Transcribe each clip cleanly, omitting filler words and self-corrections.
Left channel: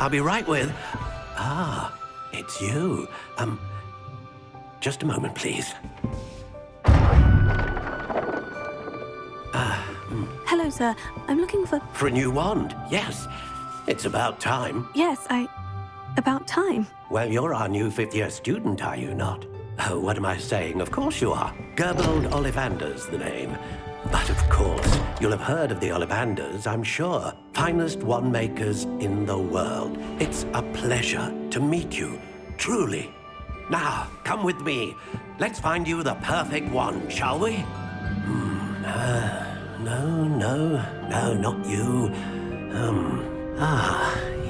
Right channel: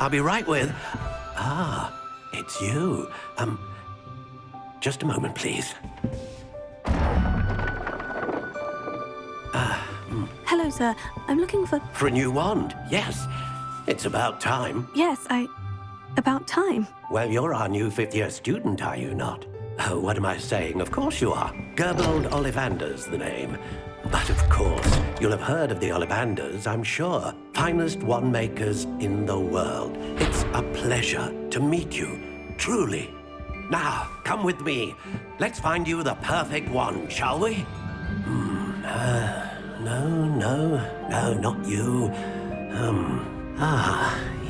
I'll be right with... Ah, it's you. Just a moment, please. Hello, sir. I'm looking for... For a new wand, yes. It's about time. Yes, About time. Well, you're our new fifth-year student, are you not? Oh, what am I saying? Of course you are. Gerbold Ollivander's the name. But of course, you'll have heard of the Ollivanders, I'm sure. Finest wand makers in the world. It's a pleasure to meet you, truly. Now, come with me. Let's find you the perfect wand, shall we? No, not you.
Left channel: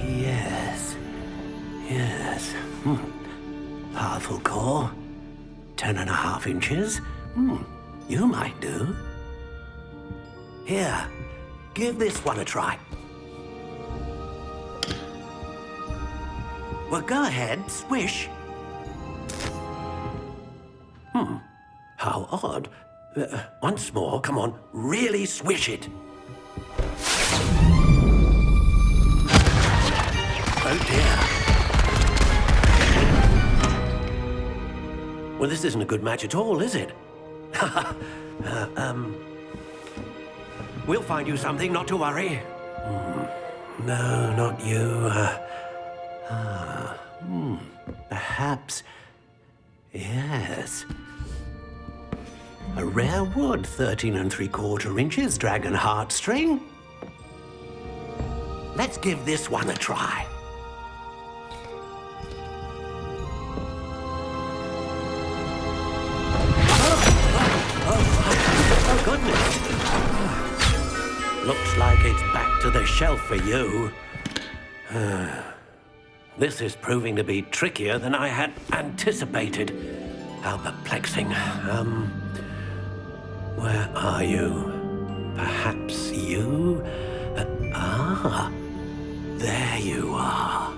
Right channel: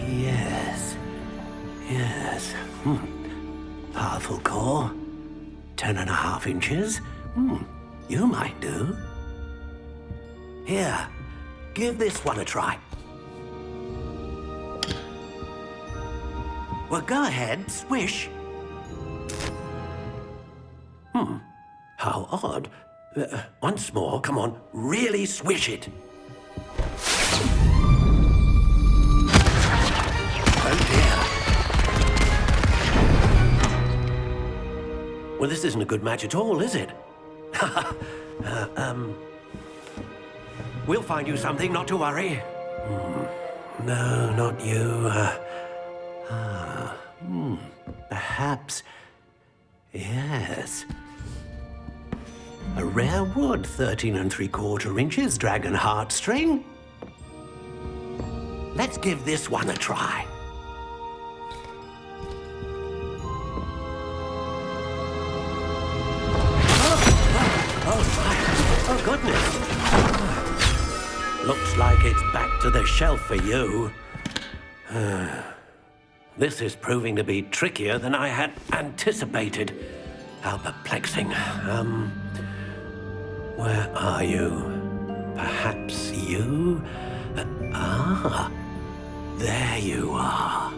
Yes. Powerful core. 10.5 inches. You might do. Here, give this one a try. Well, go ahead, swish. How odd. Once more, come on, really swish it. Oh dear. Well, this isn't a good match at all, is it? We'll find you something, not to worry. No, not you. Perhaps... Yes. A rare wood, 13 3/4 inches, dragon heartstring. Let's give this one a try. Oh, goodness. Looks like it's back to the shelf for you. This is proving to be trickier than I had anticipated. How perplexing. Where are you? Perhaps you? There you are.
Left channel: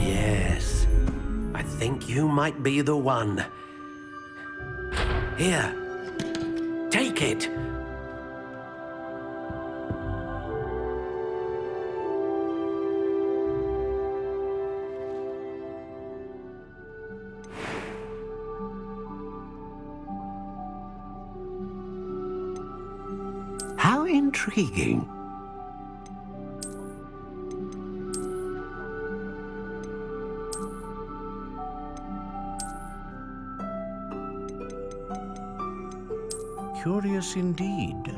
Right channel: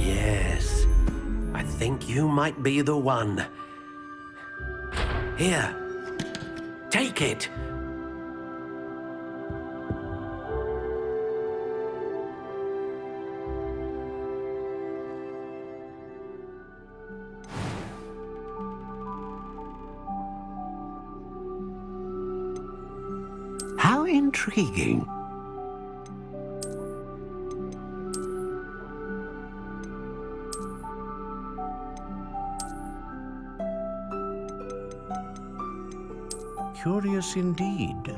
Yes, I think you might be the one. Here, take it. How intriguing. Curious indeed.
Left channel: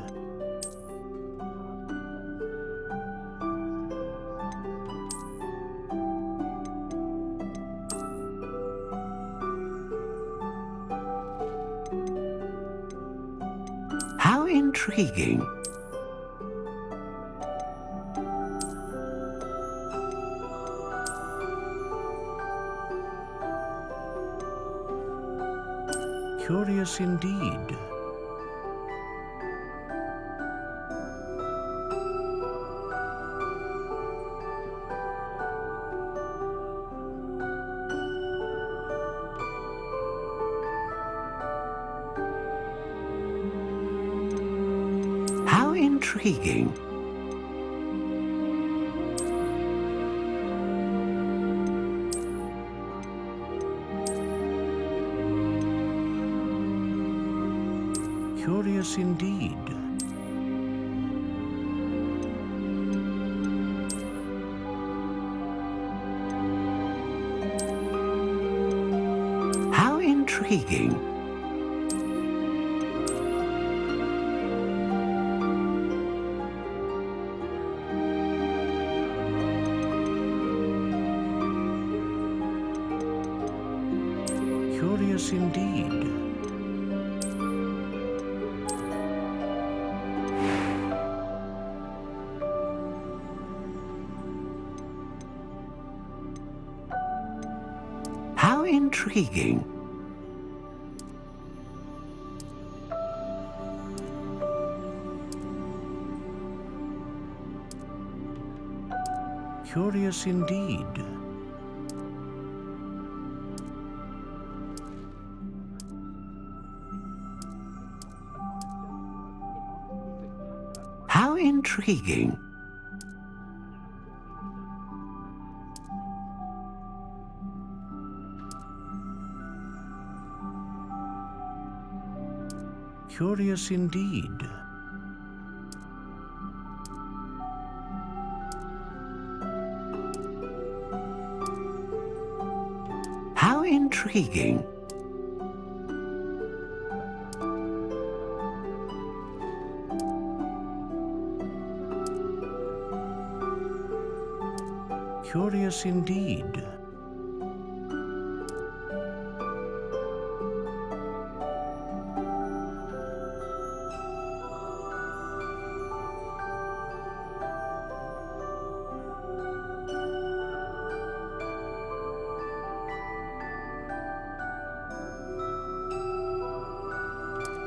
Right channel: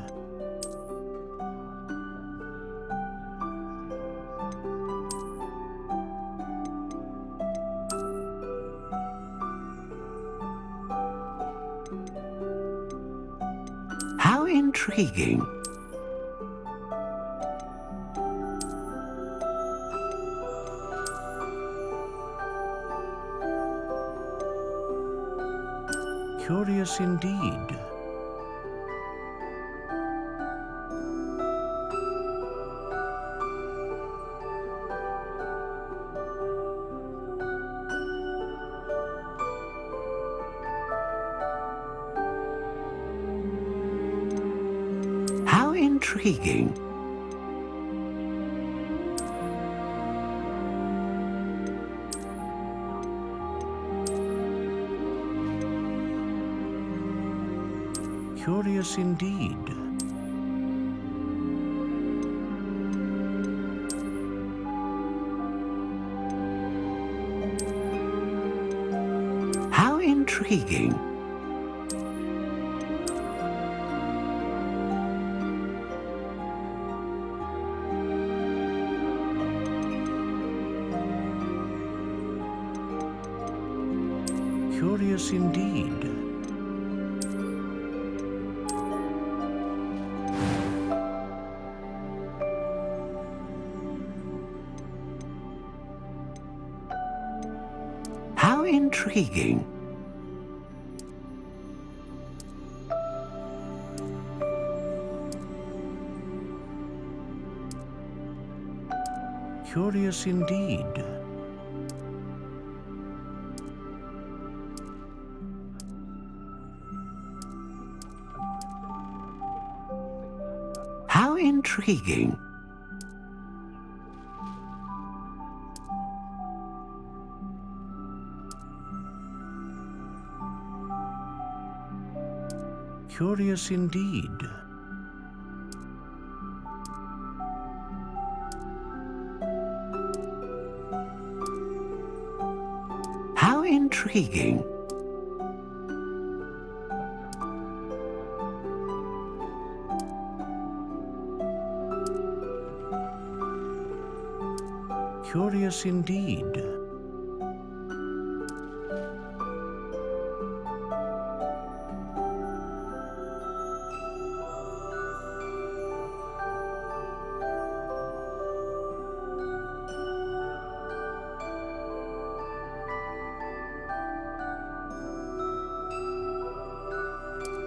How intriguing. Curious indeed. How intriguing. Curious indeed. How intriguing. Curious indeed. How intriguing. Curious indeed. How How intriguing. Curious indeed. How intriguing. Curious indeed.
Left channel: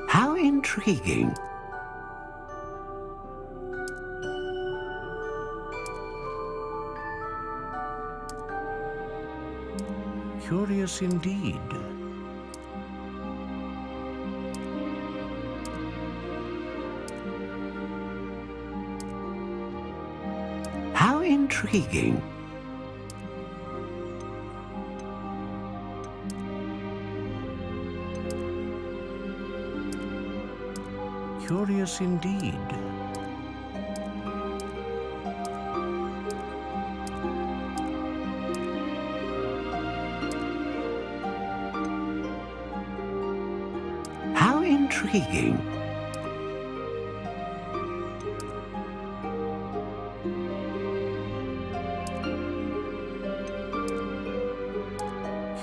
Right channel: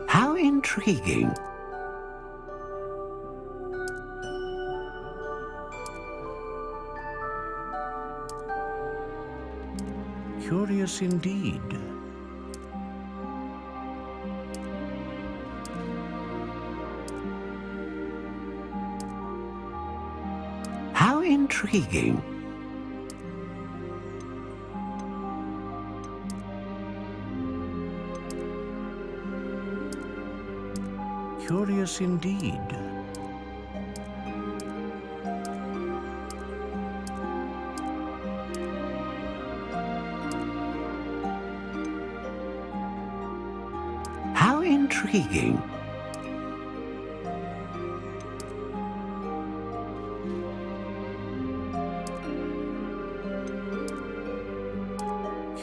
How intriguing. Curious indeed. How intriguing. Curious indeed. How intriguing.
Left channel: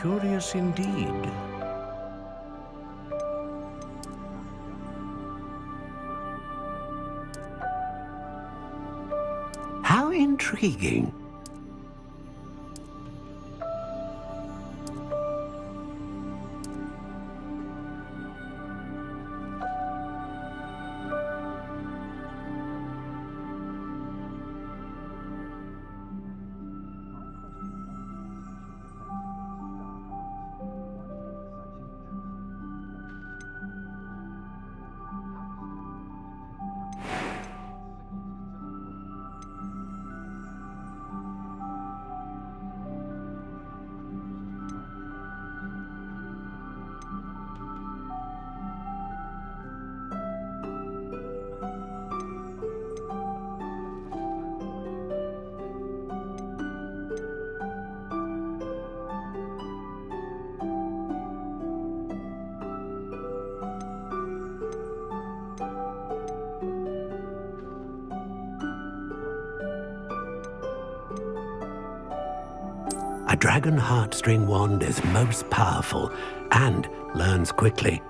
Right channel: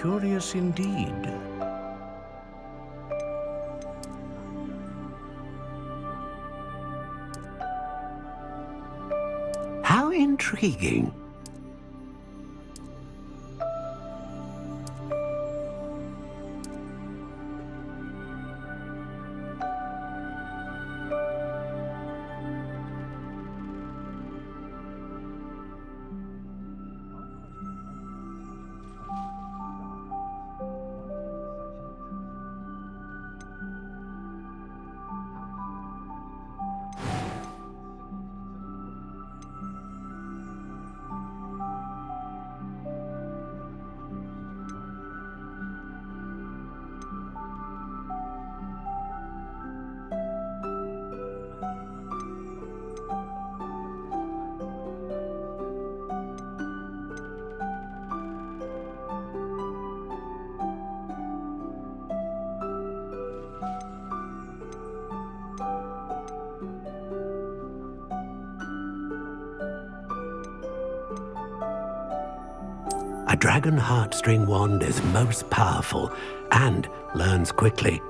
Curious indeed. How intriguing. A dragon heartstring wand is most powerful and learns quickly.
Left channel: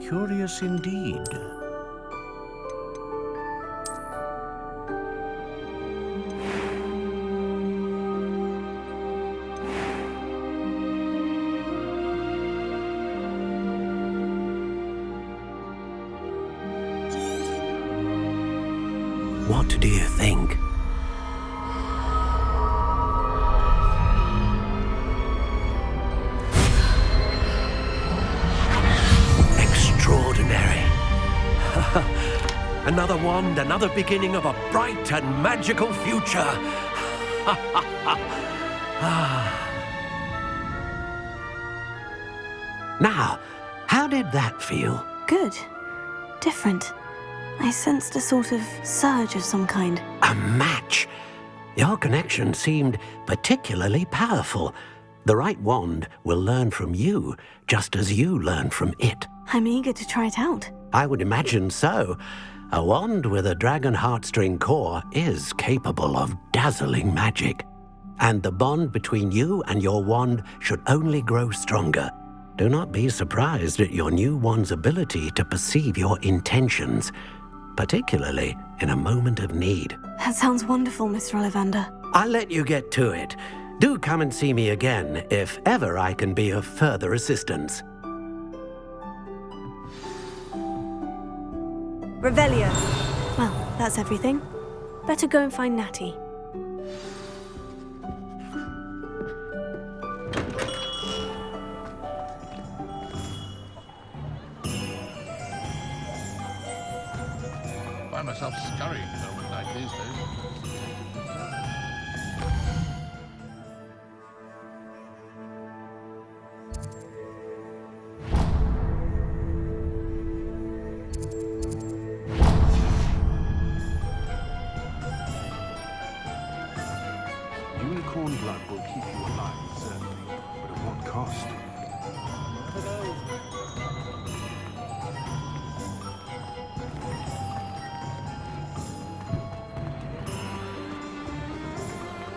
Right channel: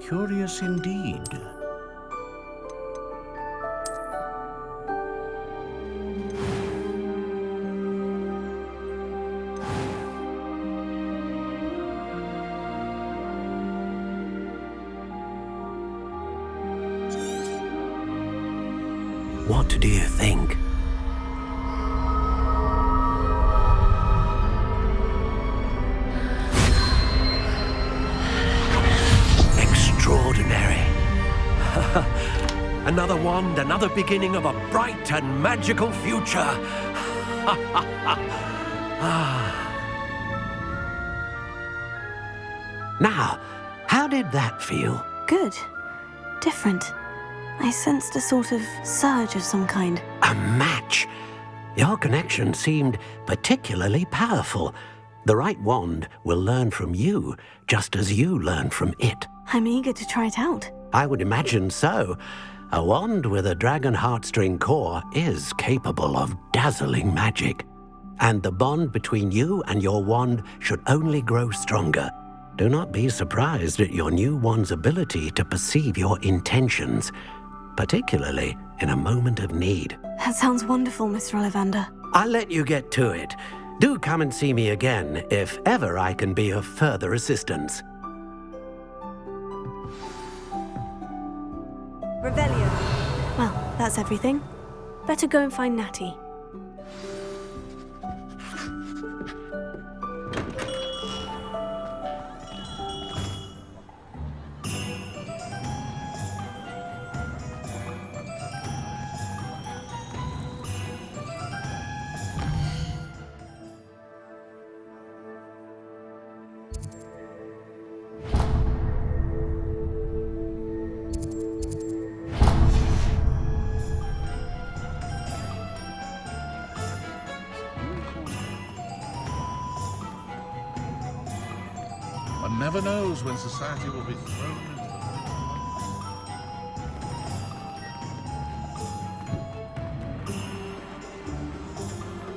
Curious indeed. What do you think? Extraordinary. Another wand, another beginning of a bright and magical future. Now, how did that feel? Good. Different. I sensed a sort of surge of some kind. A match. Your connection seemed particularly powerful. The right wand will learn from you, just as you learn from it. I'm eager to try it out. I would imagine so. A wand with a dragon heartstring core is capable of dazzling magic. And the bond between you and your wand should only grow stronger. Do not be surprised at your new wand's ability to perceive your intentions, particularly in a moment of need. That sounds wonderful, Mr. Ollivander. I'll let you get to it. Do come and see me again if ever I can be of further assistance. Revelio. Well, that's everything. Better go and find Natty. Find myself scurrying home like these days. Unicorn blood will keep you alive, sir. But at what cost? One never knows when society will be thrown.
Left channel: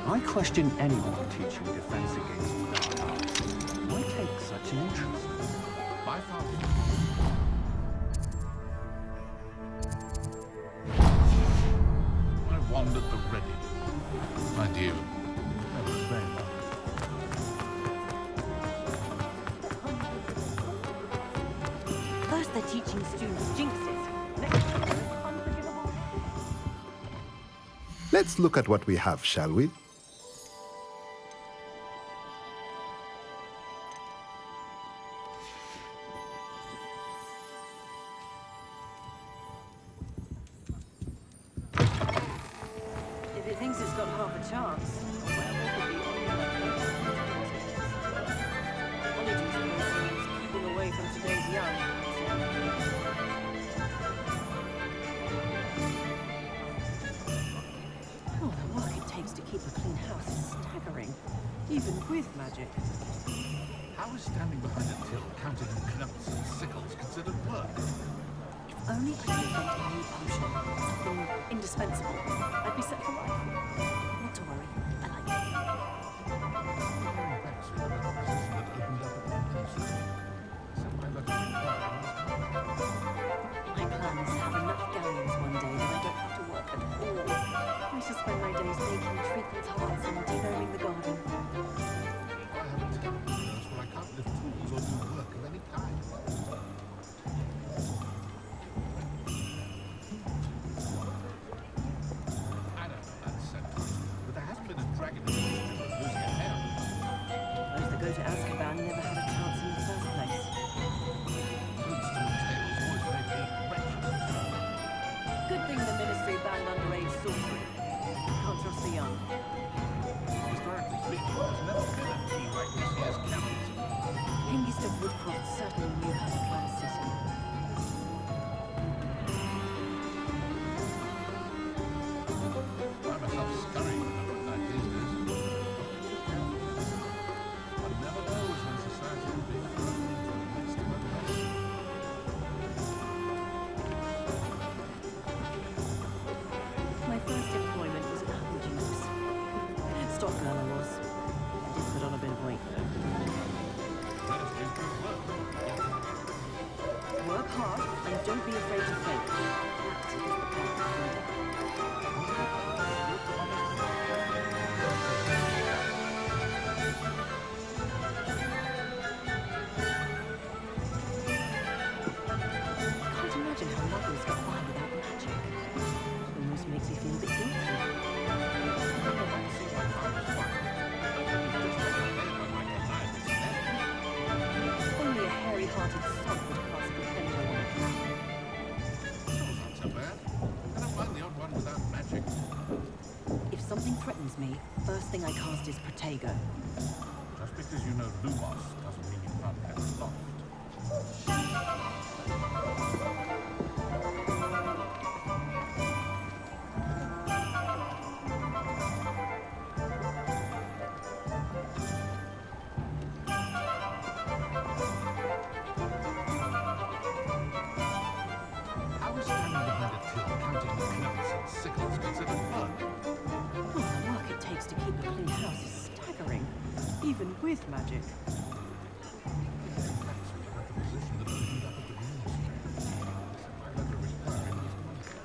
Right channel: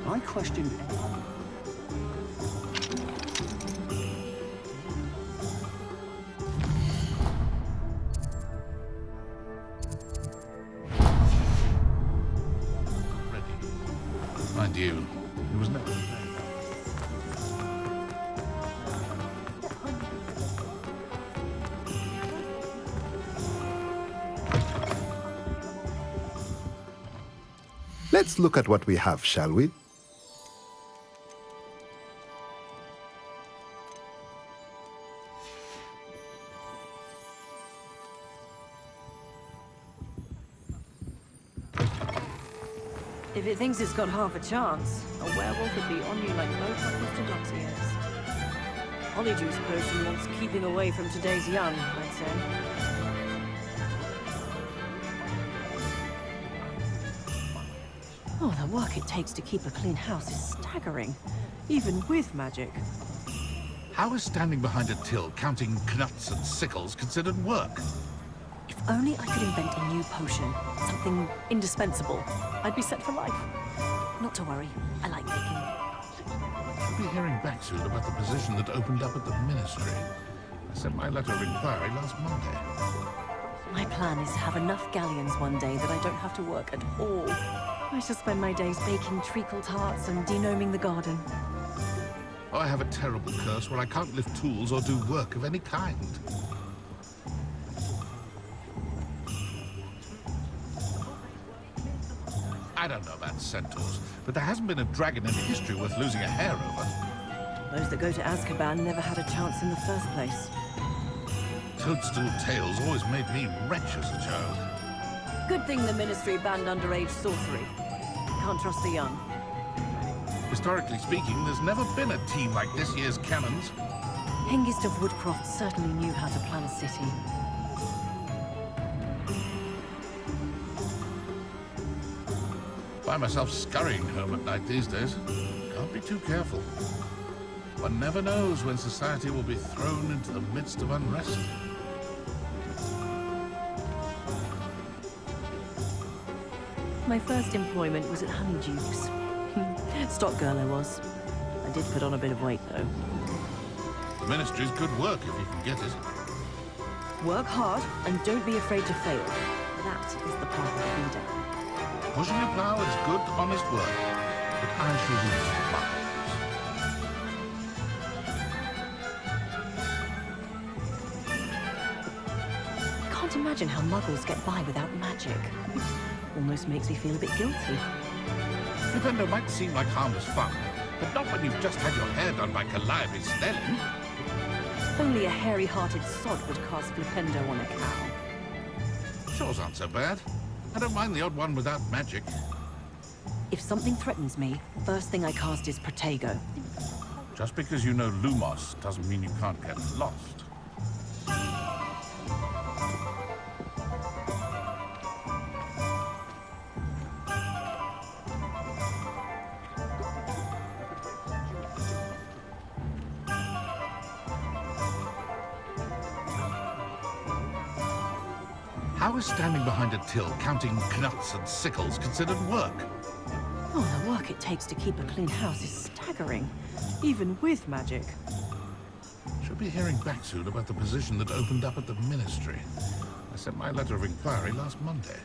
I question anyone who teach you defense against why take such an interest? Why not? I wandered the ready. Mind you, it was never very long. First they're teaching students jinxes. Let's look at what we have, shall we? If it thinks it's got half a chance, a werewolf would be on you like no happens to dogs ears. Honeyjuice potion wants keeping away from today's young, I'd say. Oh, the work it takes to keep a clean house is staggering, even with magic. How is standing behind a till counting knuts and sickles considered work? If only I could invent a new potion, something indispensable, I'd be set for life. Not to worry, I like baking. I'll be hearing back soon about the position that opened up at the ministry. I sent my letter of inquiry last Monday. My plan is to have enough galleons one day that I don't have to work at all. I shall spend my days baking treacle tarts and denoming the garden. I have a terrible curse where I can't lift tools or do work of any kind. I don't know about centaurs, but there hasn't been a dragon in history worth losing a hair over. Those that go to Azkaban never had a chance in the first place. Toadstool tales always made me wretched as a child. Good thing the Ministry banned underage sorcery. Can't trust the young. Historically speaking, there's never been a team like this year's cannons. Hengist of Woodcroft certainly knew how to plan a city. Find myself scurrying home at night these days. Can't be too careful. One never knows when society will be thrown into the midst of unrest. My first employment was at Honeyjuice. Stock girl I was. I did put on a bit of weight, though. The ministry's good work if you can get it. Work hard and don't be afraid to fail. That is the path of the leader. Pushing a plow is good, honest work. But I shall leave you Can't imagine how muggles get by without magic. Almost makes me feel a bit guilty. Flipendo might seem like harmless fun, but not when you've just had your hair done by Calliope Stelling. Only a hairy-hearted sod would cast Flipendo on a cow. Chores aren't so bad. I don't mind the odd one without magic. If something threatens me, first thing I cast is Protego. Just because you know Lumos doesn't mean you can't get lost. How is standing behind a till counting knuts and sickles considered work? Oh, the work it takes to keep a clean house is staggering, even with magic. Should be hearing back soon about the position that opened up at the ministry. I sent my letter of inquiry last Monday.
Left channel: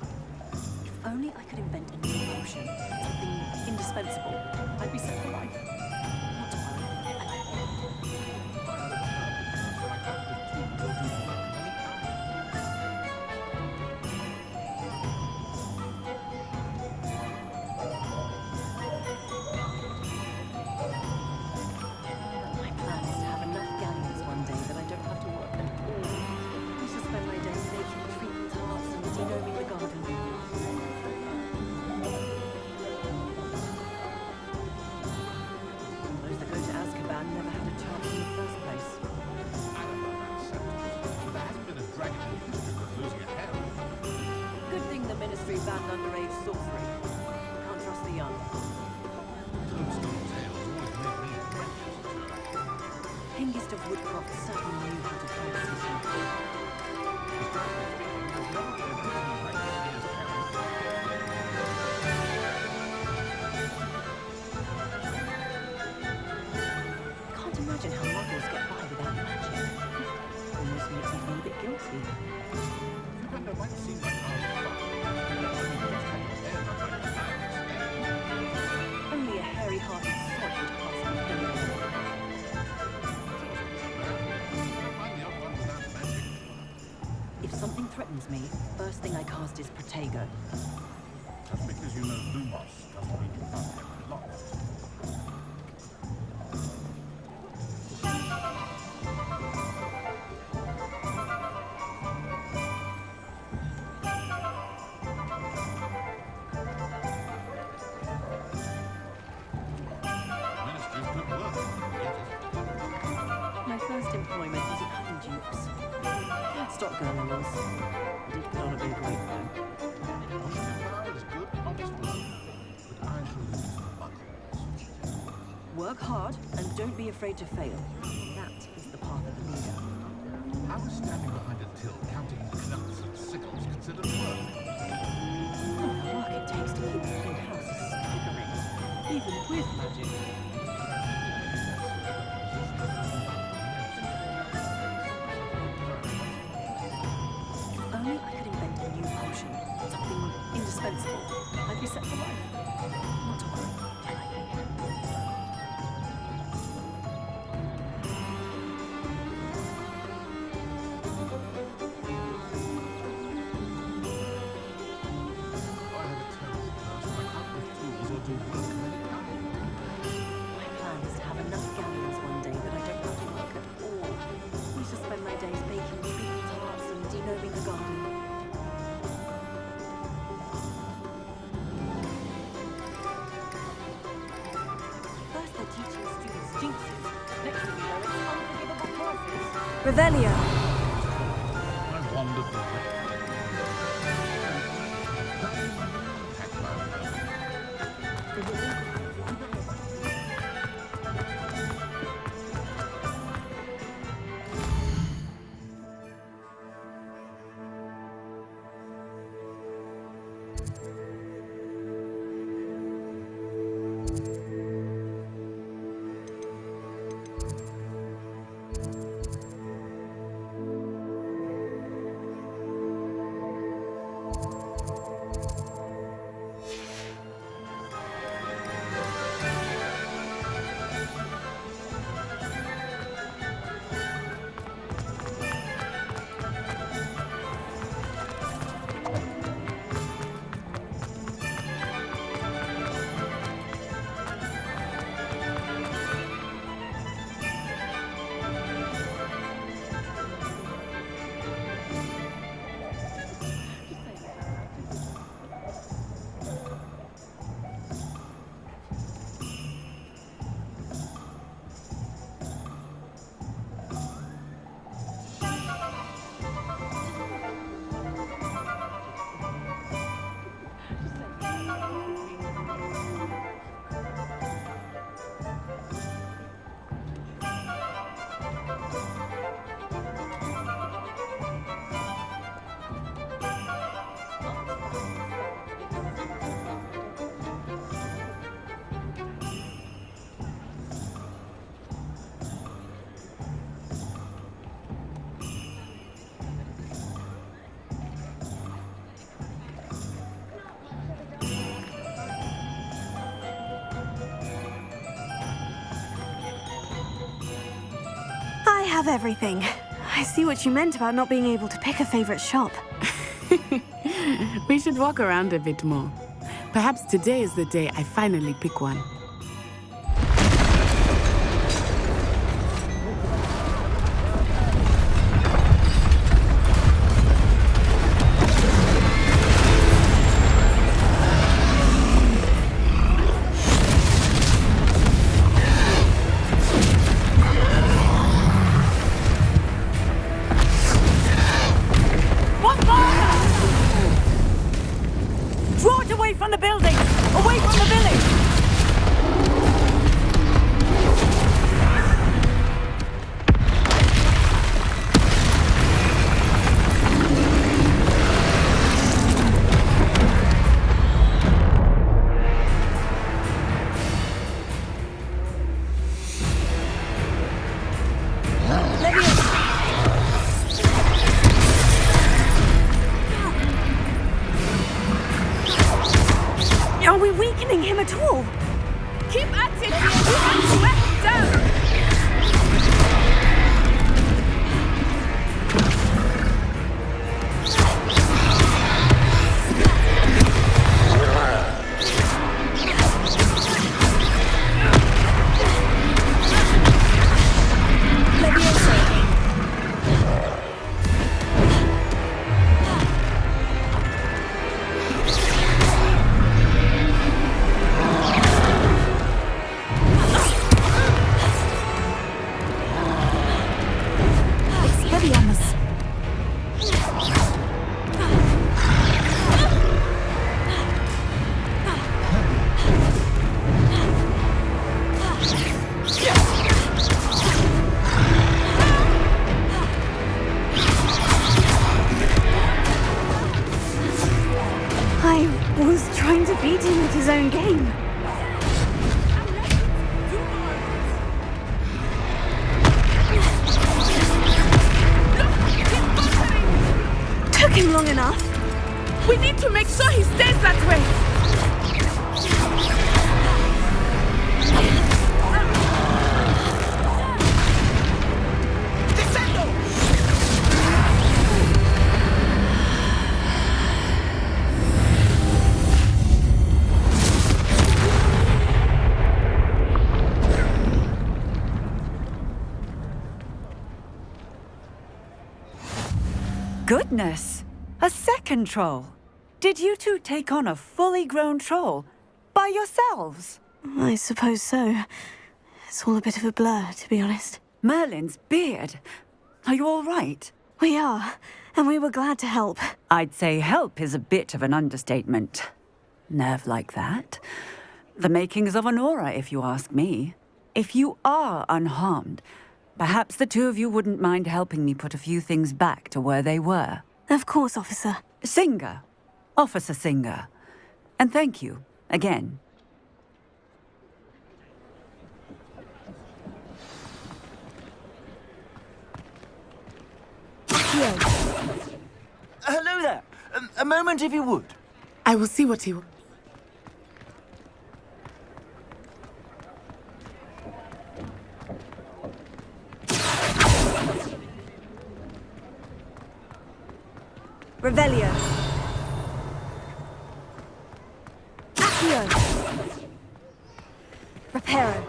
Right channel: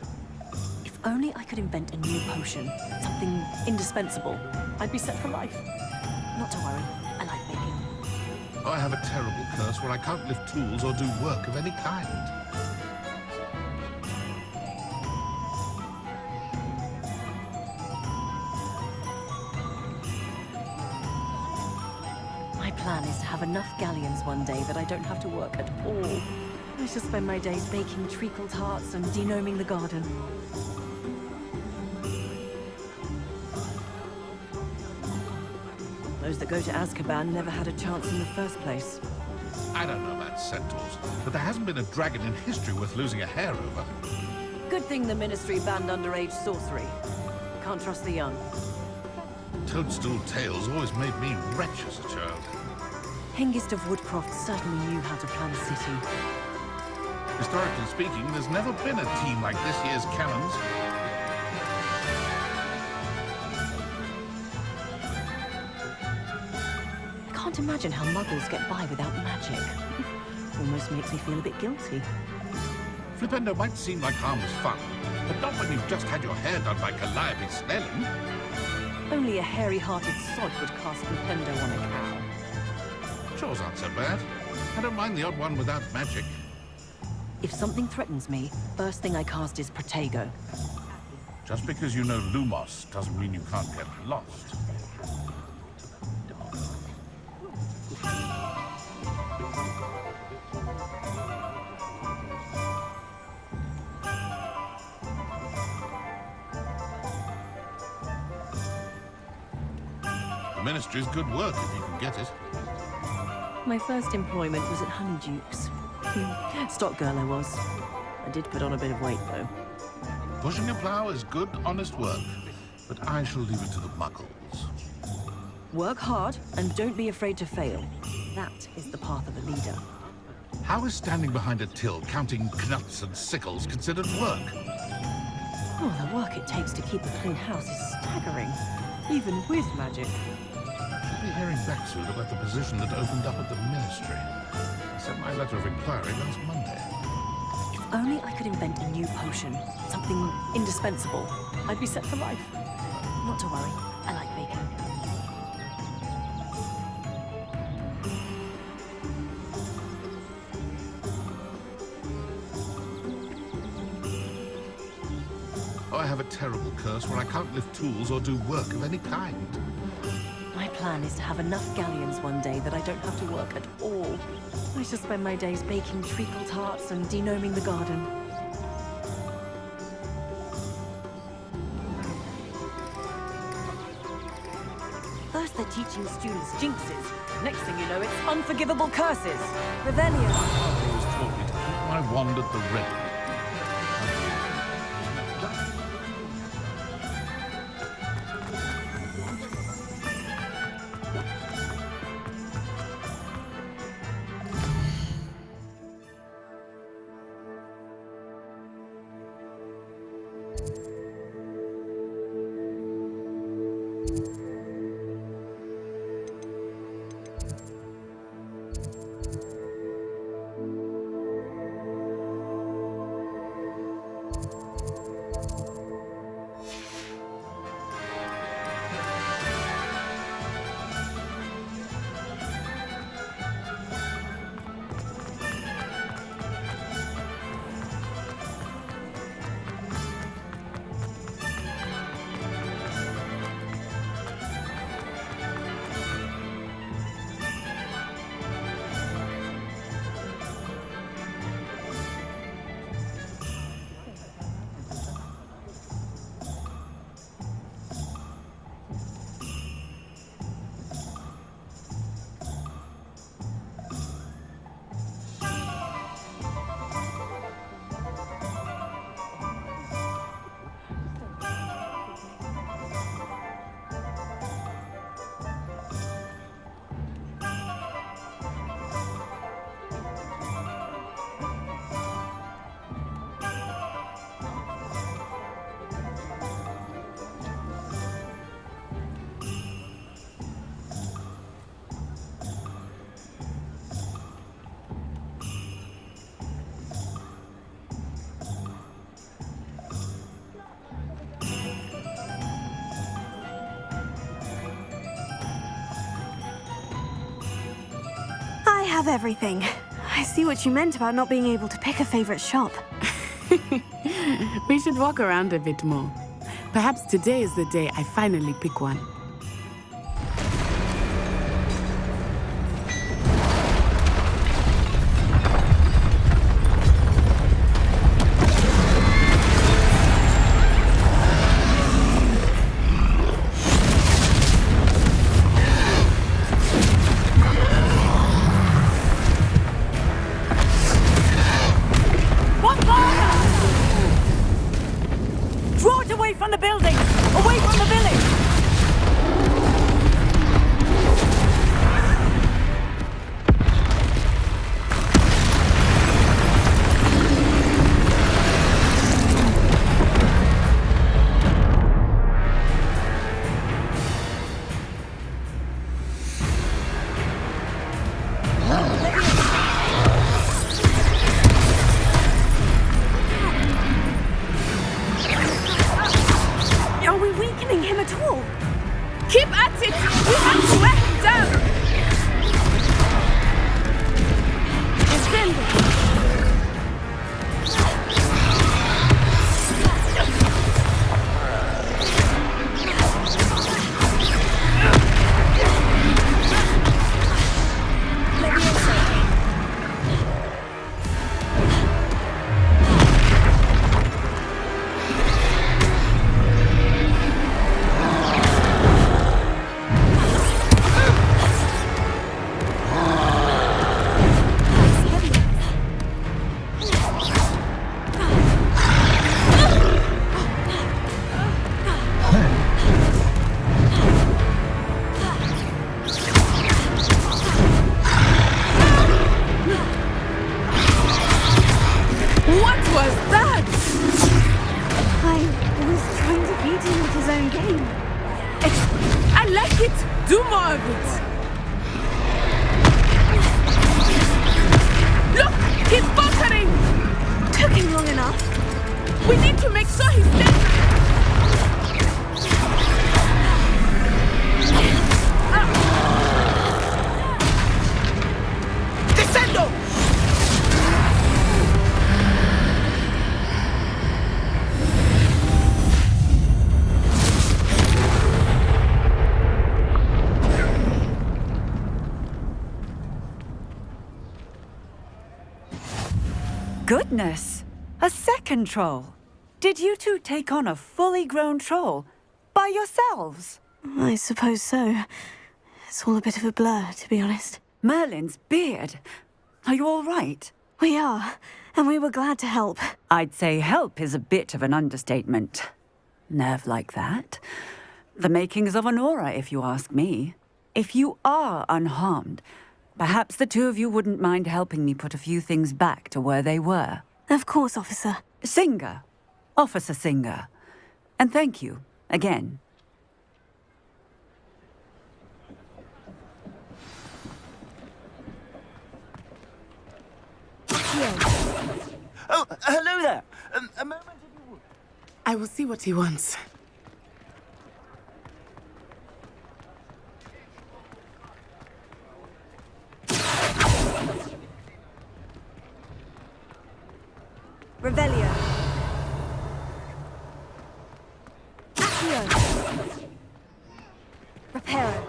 If only I could invent a new potion, something indispensable, I'd be set for life. Not to worry, I like baking. I have a terrible curse where I can't lift tools or do work of any kind. have enough galleons one day that I don't have to work at all. I shall spend my days baking treacle tarts and denoming the garden. Those that go to Azkaban never had a chance in the first place. I don't know about centaurs, but there hasn't been a dragon in history worth losing a hair over. Good thing the Ministry banned underage sorcery. Can't trust the young. Toadstool tales always made me wretch as a child. Hengist of Woodcroft certainly knew how to plan a city. Historically speaking, there's never been a team like this year's Callums. I can't imagine how muggles get by without magic. Almost makes me feel a bit guilty. Flipendo might seem like harmless fun, but not when you've just had your hair done by Calliope Snelling. Only a hairy-hearted sod would cast Flipendo on a cow. Chores aren't so bad. I don't mind the odd one without magic. If something threatens me, first thing I cast is Protego. Just because you know Lumos doesn't mean you can't get lost. The Ministry's good work if you can get it. My first employment was at Honeydukes. Stock girl I was. I did put on a bit of weight, though. Pushing a plough is good, honest work, but I shall leave it to the muggles. Work hard, and don't be afraid to fail. That is the path of a leader. How is standing behind a till, counting knuts and sickles, considered work? Oh, the work it takes to keep a clean house is staggering, even with magic. I'll be hearing back soon about the position that opened up at the Ministry. Sent my letter of inquiry last Monday. If only I could invent a new potion, something indispensable, I'd be set for life. Not to worry, I like bacon. Oh, I have a terrible curse where I can't lift tools or do work of any kind. My plan is to have enough galleons one day that I don't have to work at all. I shall spend my days baking treacle tarts and denoming the garden. First they're teaching students jinxes. Next thing you know, it's unforgivable curses. Revelio. I was told me to keep my wand at the ready. I have everything. I see what you meant about not being able to pick a favorite shop. We should walk around a bit more. Perhaps today is the day I finally pick one. Away from the building! Away from the village! Are we weakening him at all? Keep at it! We have to wear him down! What was that? I was trying to beat him at his own game. I like it. Do more of it. Look, he's faltering. Took him long enough. We need to make sure he stays that way. Descendo! Goodness! A second troll! Did you two take on a fully grown troll? By yourselves? I suppose so. It's all a bit of a blur, to be honest. Merlin's beard. Are you all right? We are, and we were glad to help. I'd say help is a bit of an understatement. Nerve like that. The makings of an aura, if you ask me. If you are unharmed, perhaps the two of you wouldn't mind helping me put a few things back to where they were. Of course, officer. Singer. Officer Singer. And thank you, again. Oh, hello there. A moment, if you would. I will see what he wants. Revelio. Accio. Reparo.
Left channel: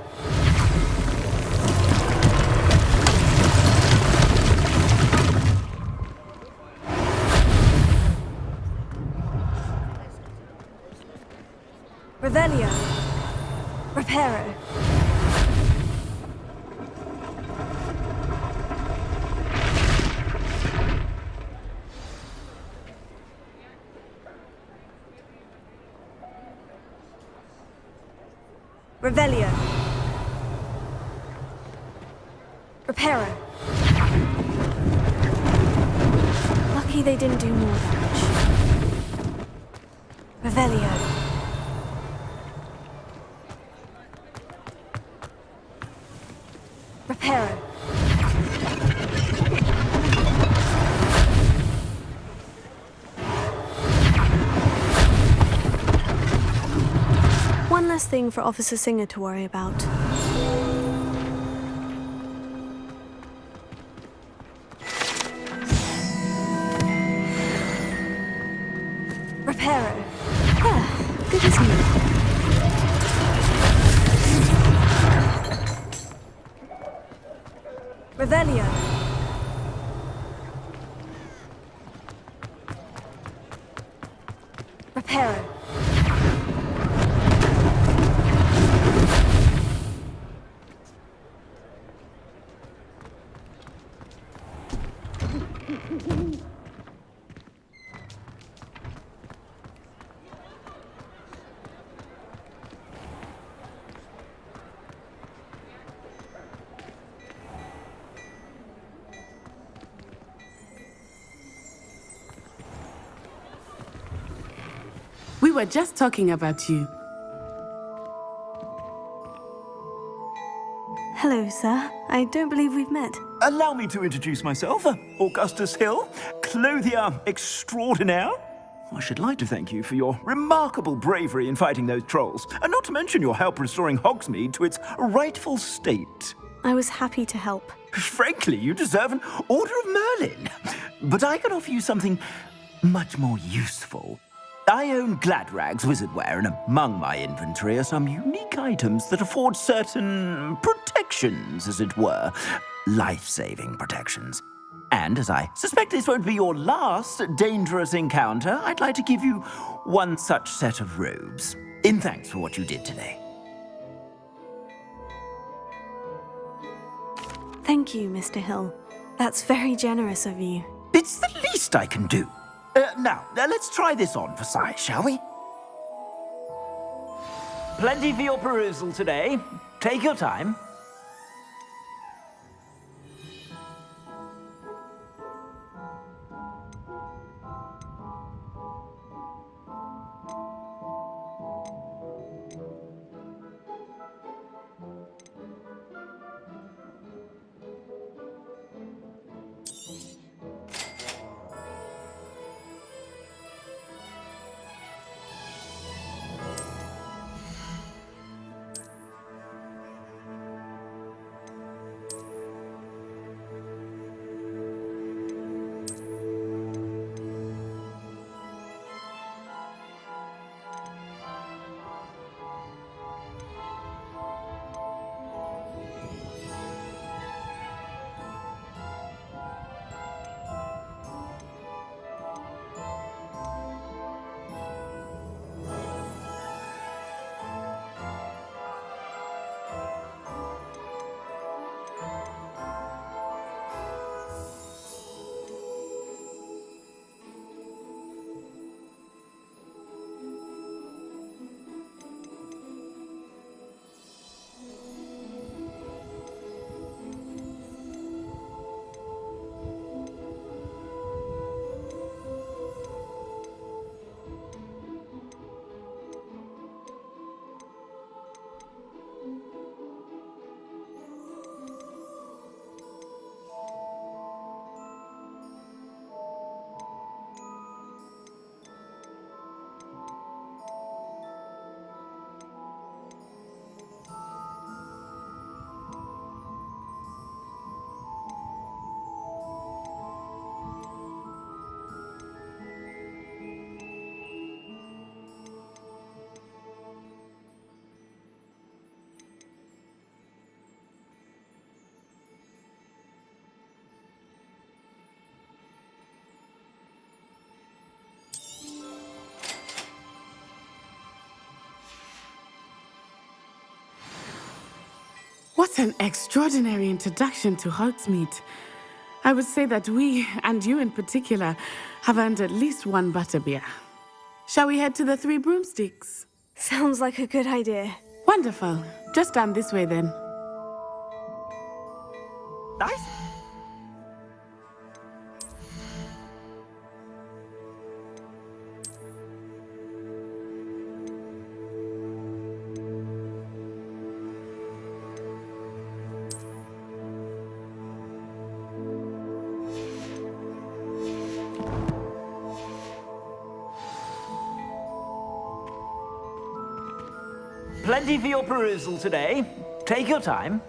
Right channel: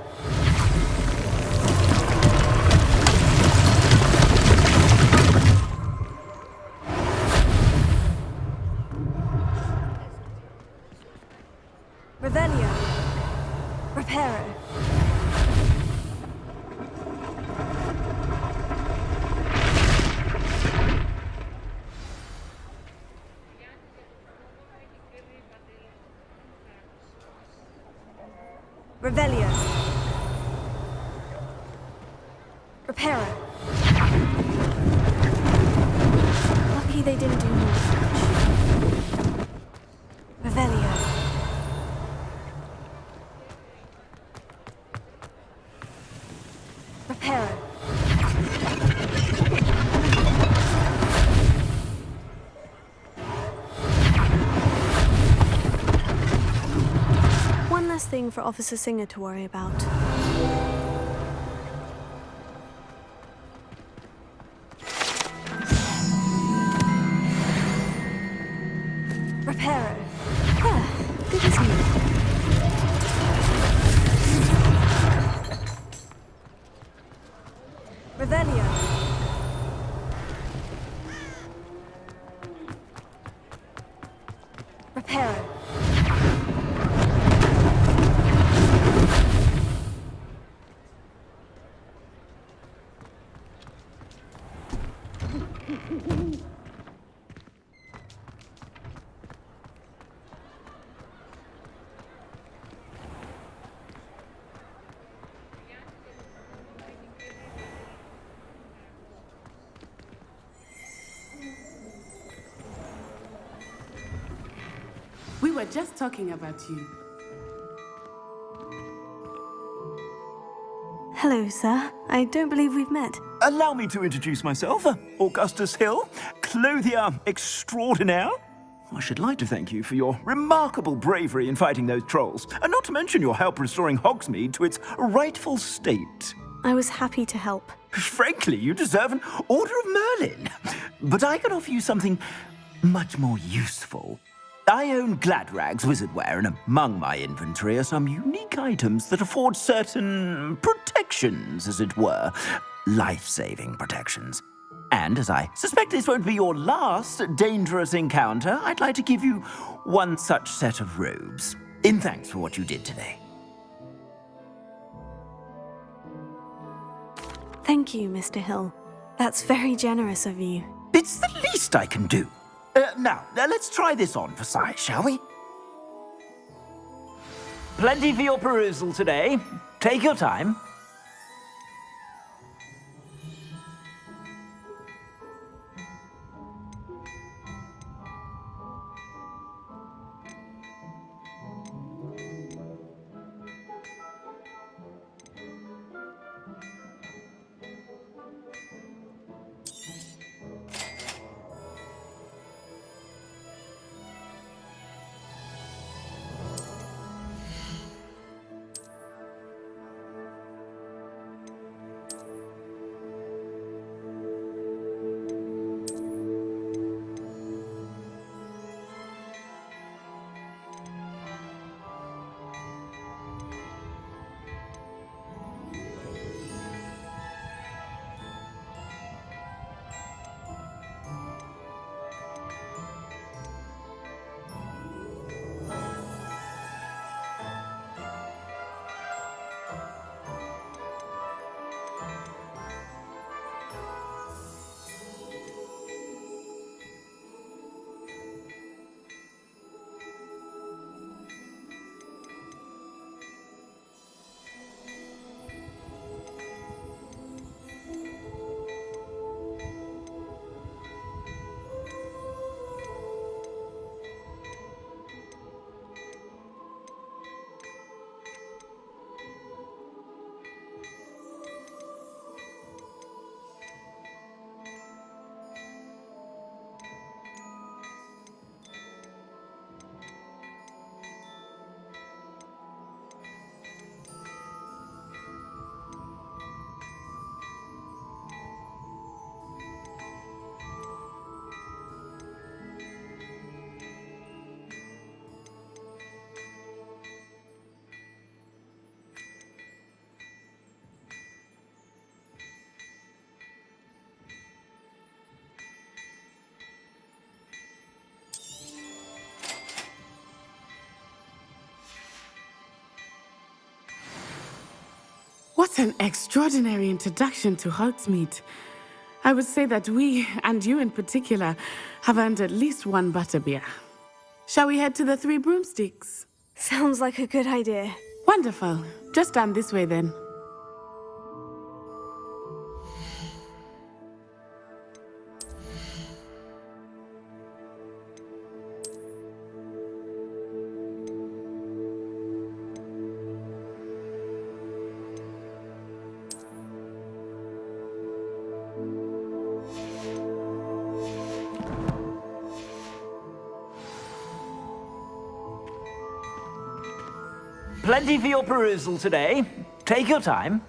Revelio. Reparo. Revelio. Reparo. Lucky they didn't do more damage. Revelio. Reparo. One less thing for Officer Singer to worry about. Reparo. Good as new. Revelio. Reparo. We were just talking about you. Hello, sir. I don't believe we've met. Allow me to introduce myself, Augustus Hill, clothier extraordinaire. I should like to thank you for your remarkable bravery in fighting those trolls, and not to mention your help restoring Hogsmeade to its rightful state. I was happy to help. Frankly, you deserve an Order of Merlin. But I can offer you something much more useful. I own Gladrag's wizardware, and among my inventory are some unique items that afford certain protections, as it were. Life-saving protections. And as I suspect this won't be your last dangerous encounter, I'd like to give you one such set of robes, in thanks for what you did today. Thank you, Mr. Hill. That's very generous of you. It's the least I can do. Now, let's try this on for size, shall we? Plenty for your perusal today. Take your time. What an extraordinary introduction to Hogsmeade. I would say that we, and you in particular, have earned at least one butterbeer. Shall we head to the Three Broomsticks? Sounds like a good idea. Wonderful. Just down this way then. Nice. Plenty for your perusal today. Take your time.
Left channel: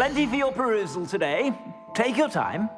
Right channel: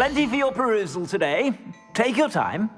Plenty for your perusal today. Take your time.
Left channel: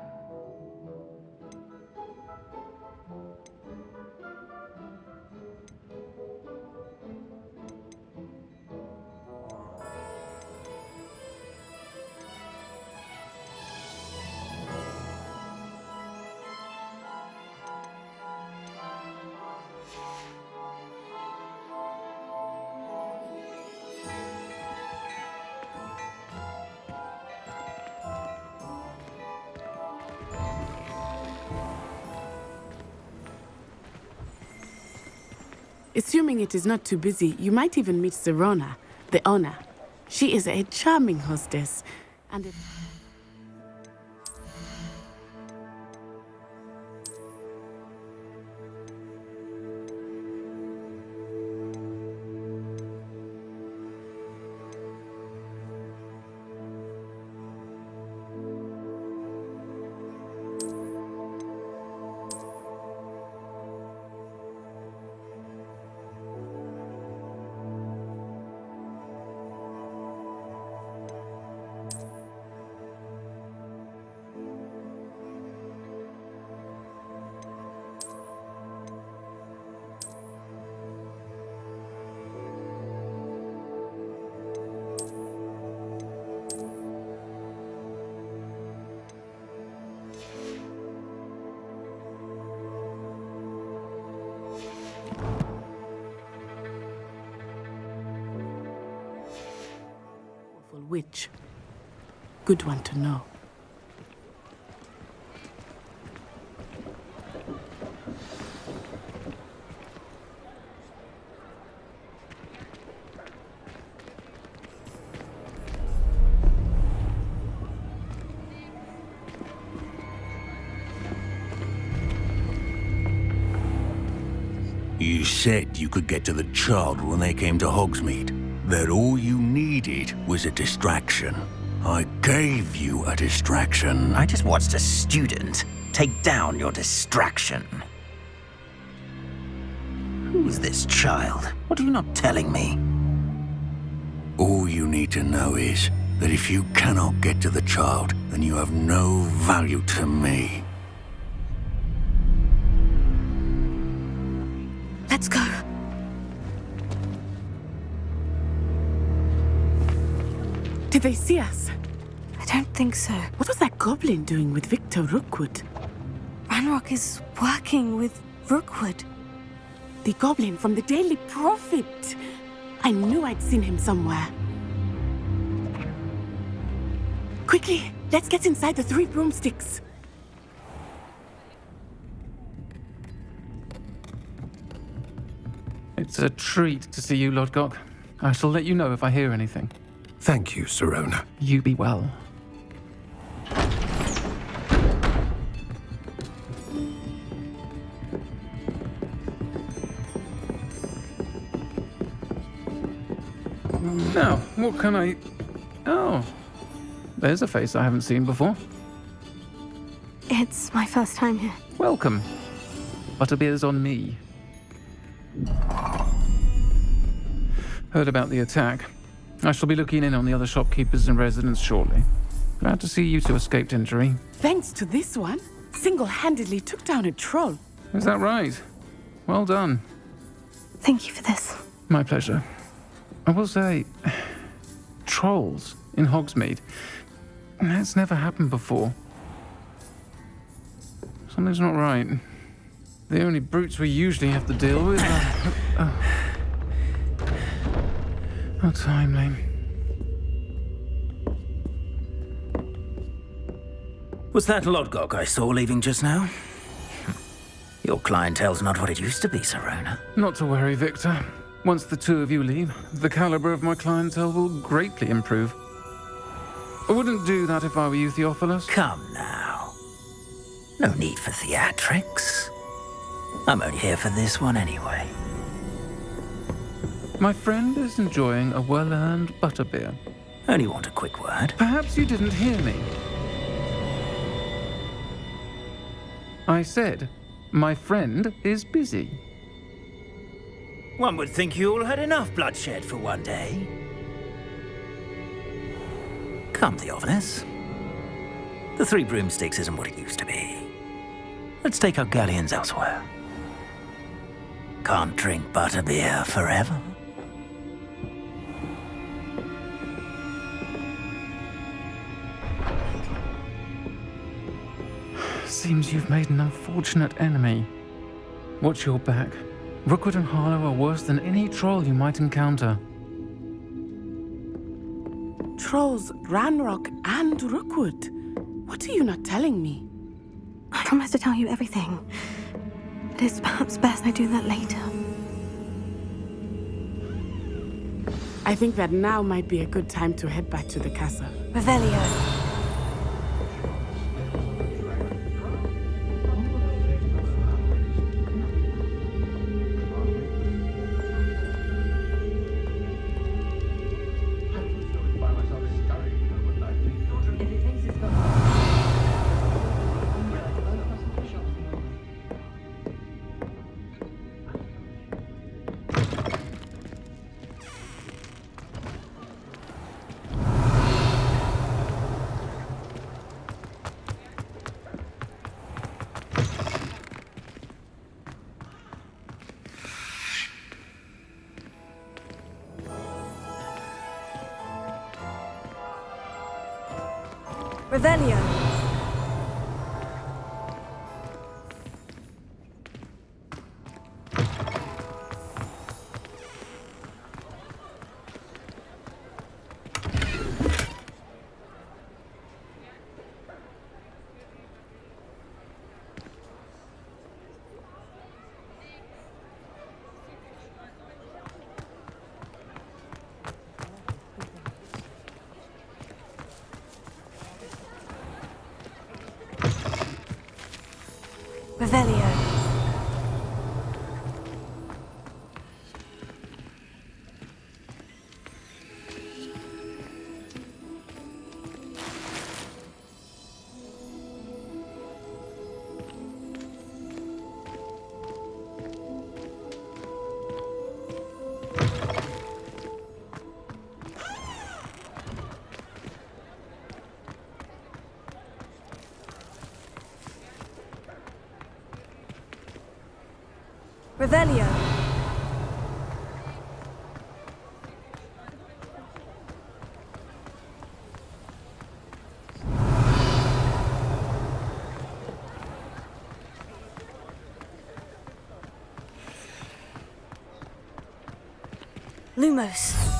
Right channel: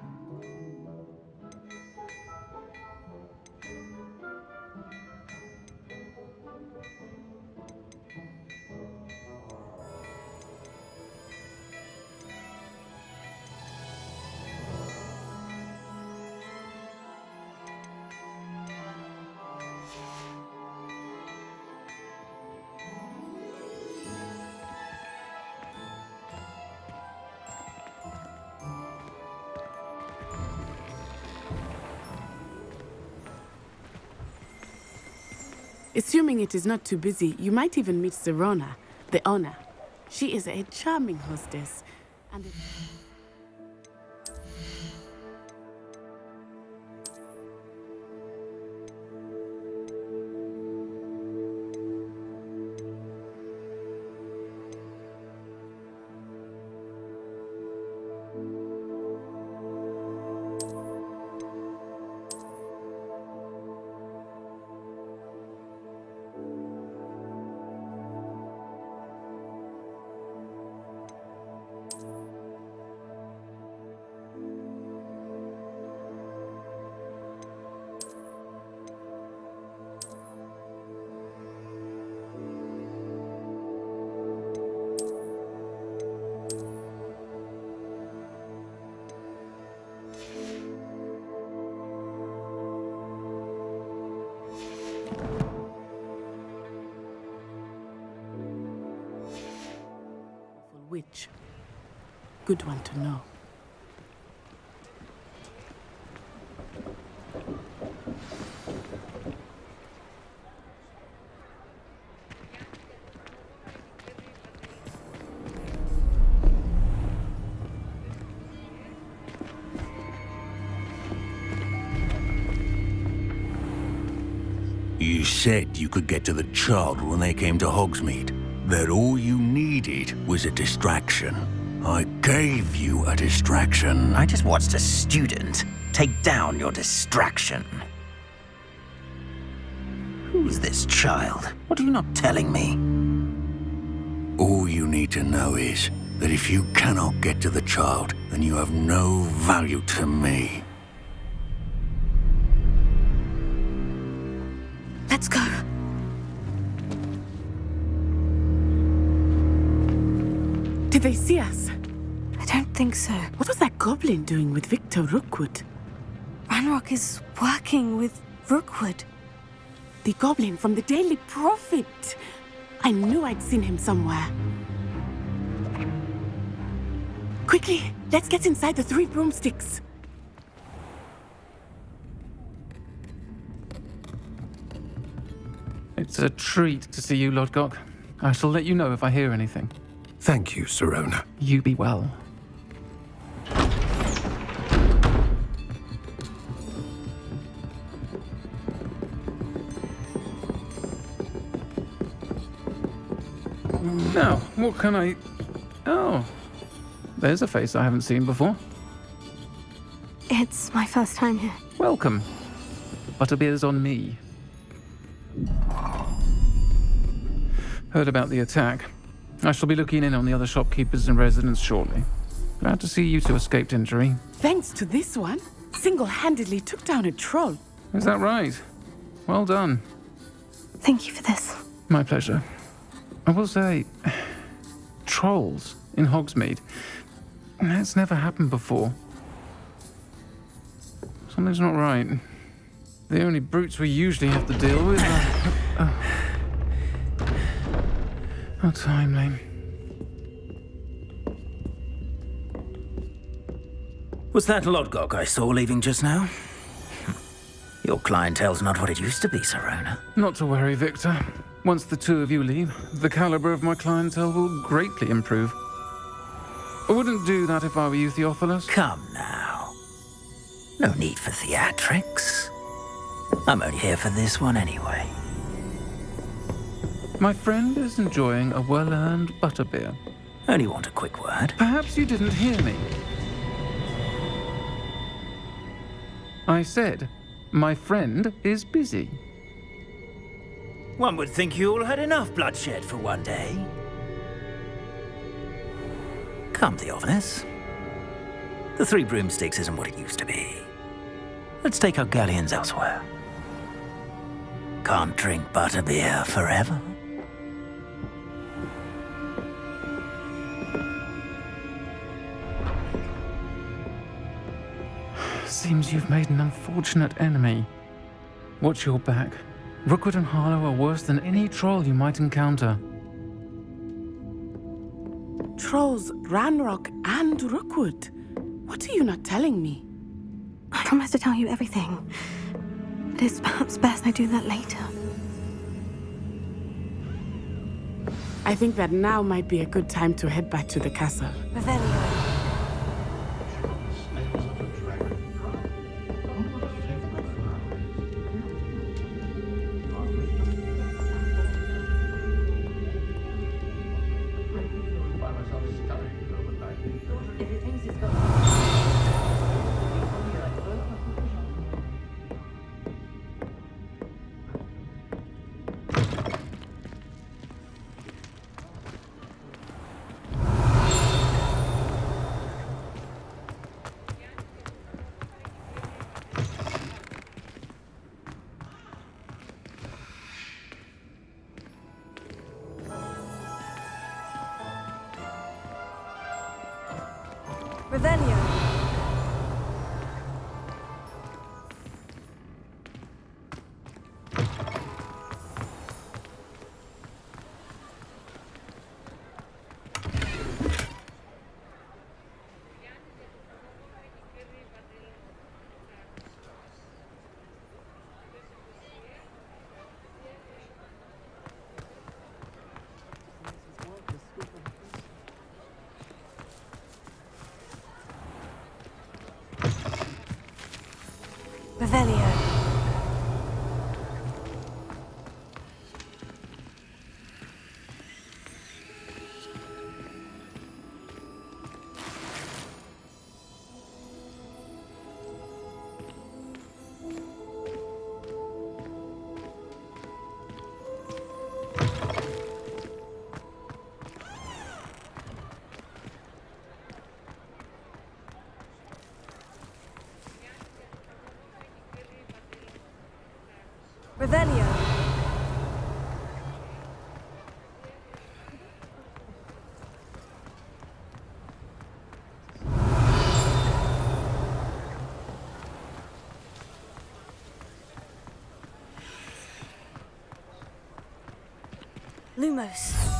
Assuming it is not too busy, you might even meet Serona, the owner. She is a charming hostess, and it... Witch. Good one to know. You said you could get to the child when they came to Hogsmeade. That all you needed was a distraction. I gave you a distraction. I just watched a student take down your distraction. Who's this child? What are you not telling me? All you need to know is that if you cannot get to the child, then you have no value to me. Let's go. Did they see us? I don't think so. What was that goblin doing with Victor Rookwood? Ranrock is working with Rookwood. The goblin from the Daily Prophet. I knew I'd seen him somewhere. Quickly, let's get inside the Three Broomsticks. It's a treat to see you, Lodgok. I shall let you know if I hear anything. Thank you, Serona. You be well. Now, what can I... Oh, there's a face I haven't seen before. It's my first time here. Welcome. Butterbeer's on me. Heard about the attack. I shall be looking in on the other shopkeepers and residents shortly. Glad to see you two escaped injury. Thanks to this one, single-handedly took down a troll. Is that right? Well done. Thank you for this. My pleasure. I will say, trolls in Hogsmeade. That's never happened before. Something's not right. The only brutes we usually have to deal with are... How timely. Was that Lodgok I saw leaving just now? Your clientele's not what it used to be, Serona. Not to worry, Victor. Once the two of you leave, the caliber of my clientele will greatly improve. I wouldn't do that if I were you, Theophilus. Come now. No need for theatrics. I'm only here for this one anyway. My friend is enjoying a well-earned butterbeer. Only want a quick word. Perhaps you didn't hear me. I said, my friend is busy. One would think you all had enough bloodshed for one day. Come the office. The Three Broomsticks isn't what it used to be. Let's take our galleons elsewhere. Can't drink butterbeer forever. Seems you've made an unfortunate enemy. Watch your back. Rookwood and Harlow are worse than any troll you might encounter. Trolls, Ranrock, and Rookwood. What are you not telling me? I promise to tell you everything. But it's perhaps best I do that later. I think that now might be a good time to head back to the castle. Revelio. Revelio. Revelio. Revelio. Lumos.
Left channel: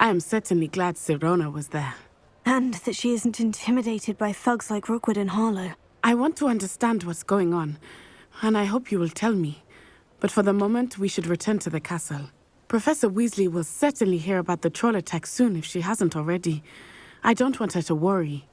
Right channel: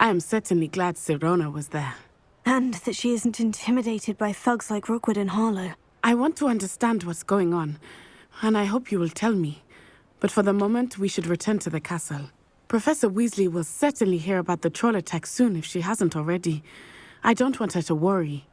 I am certainly glad Sirona was there. And that she isn't intimidated by thugs like Rookwood and Harlow. I want to understand what's going on, and I hope you will tell me. But for the moment, we should return to the castle. Professor Weasley will certainly hear about the troll attack soon if she hasn't already. I don't want her to worry.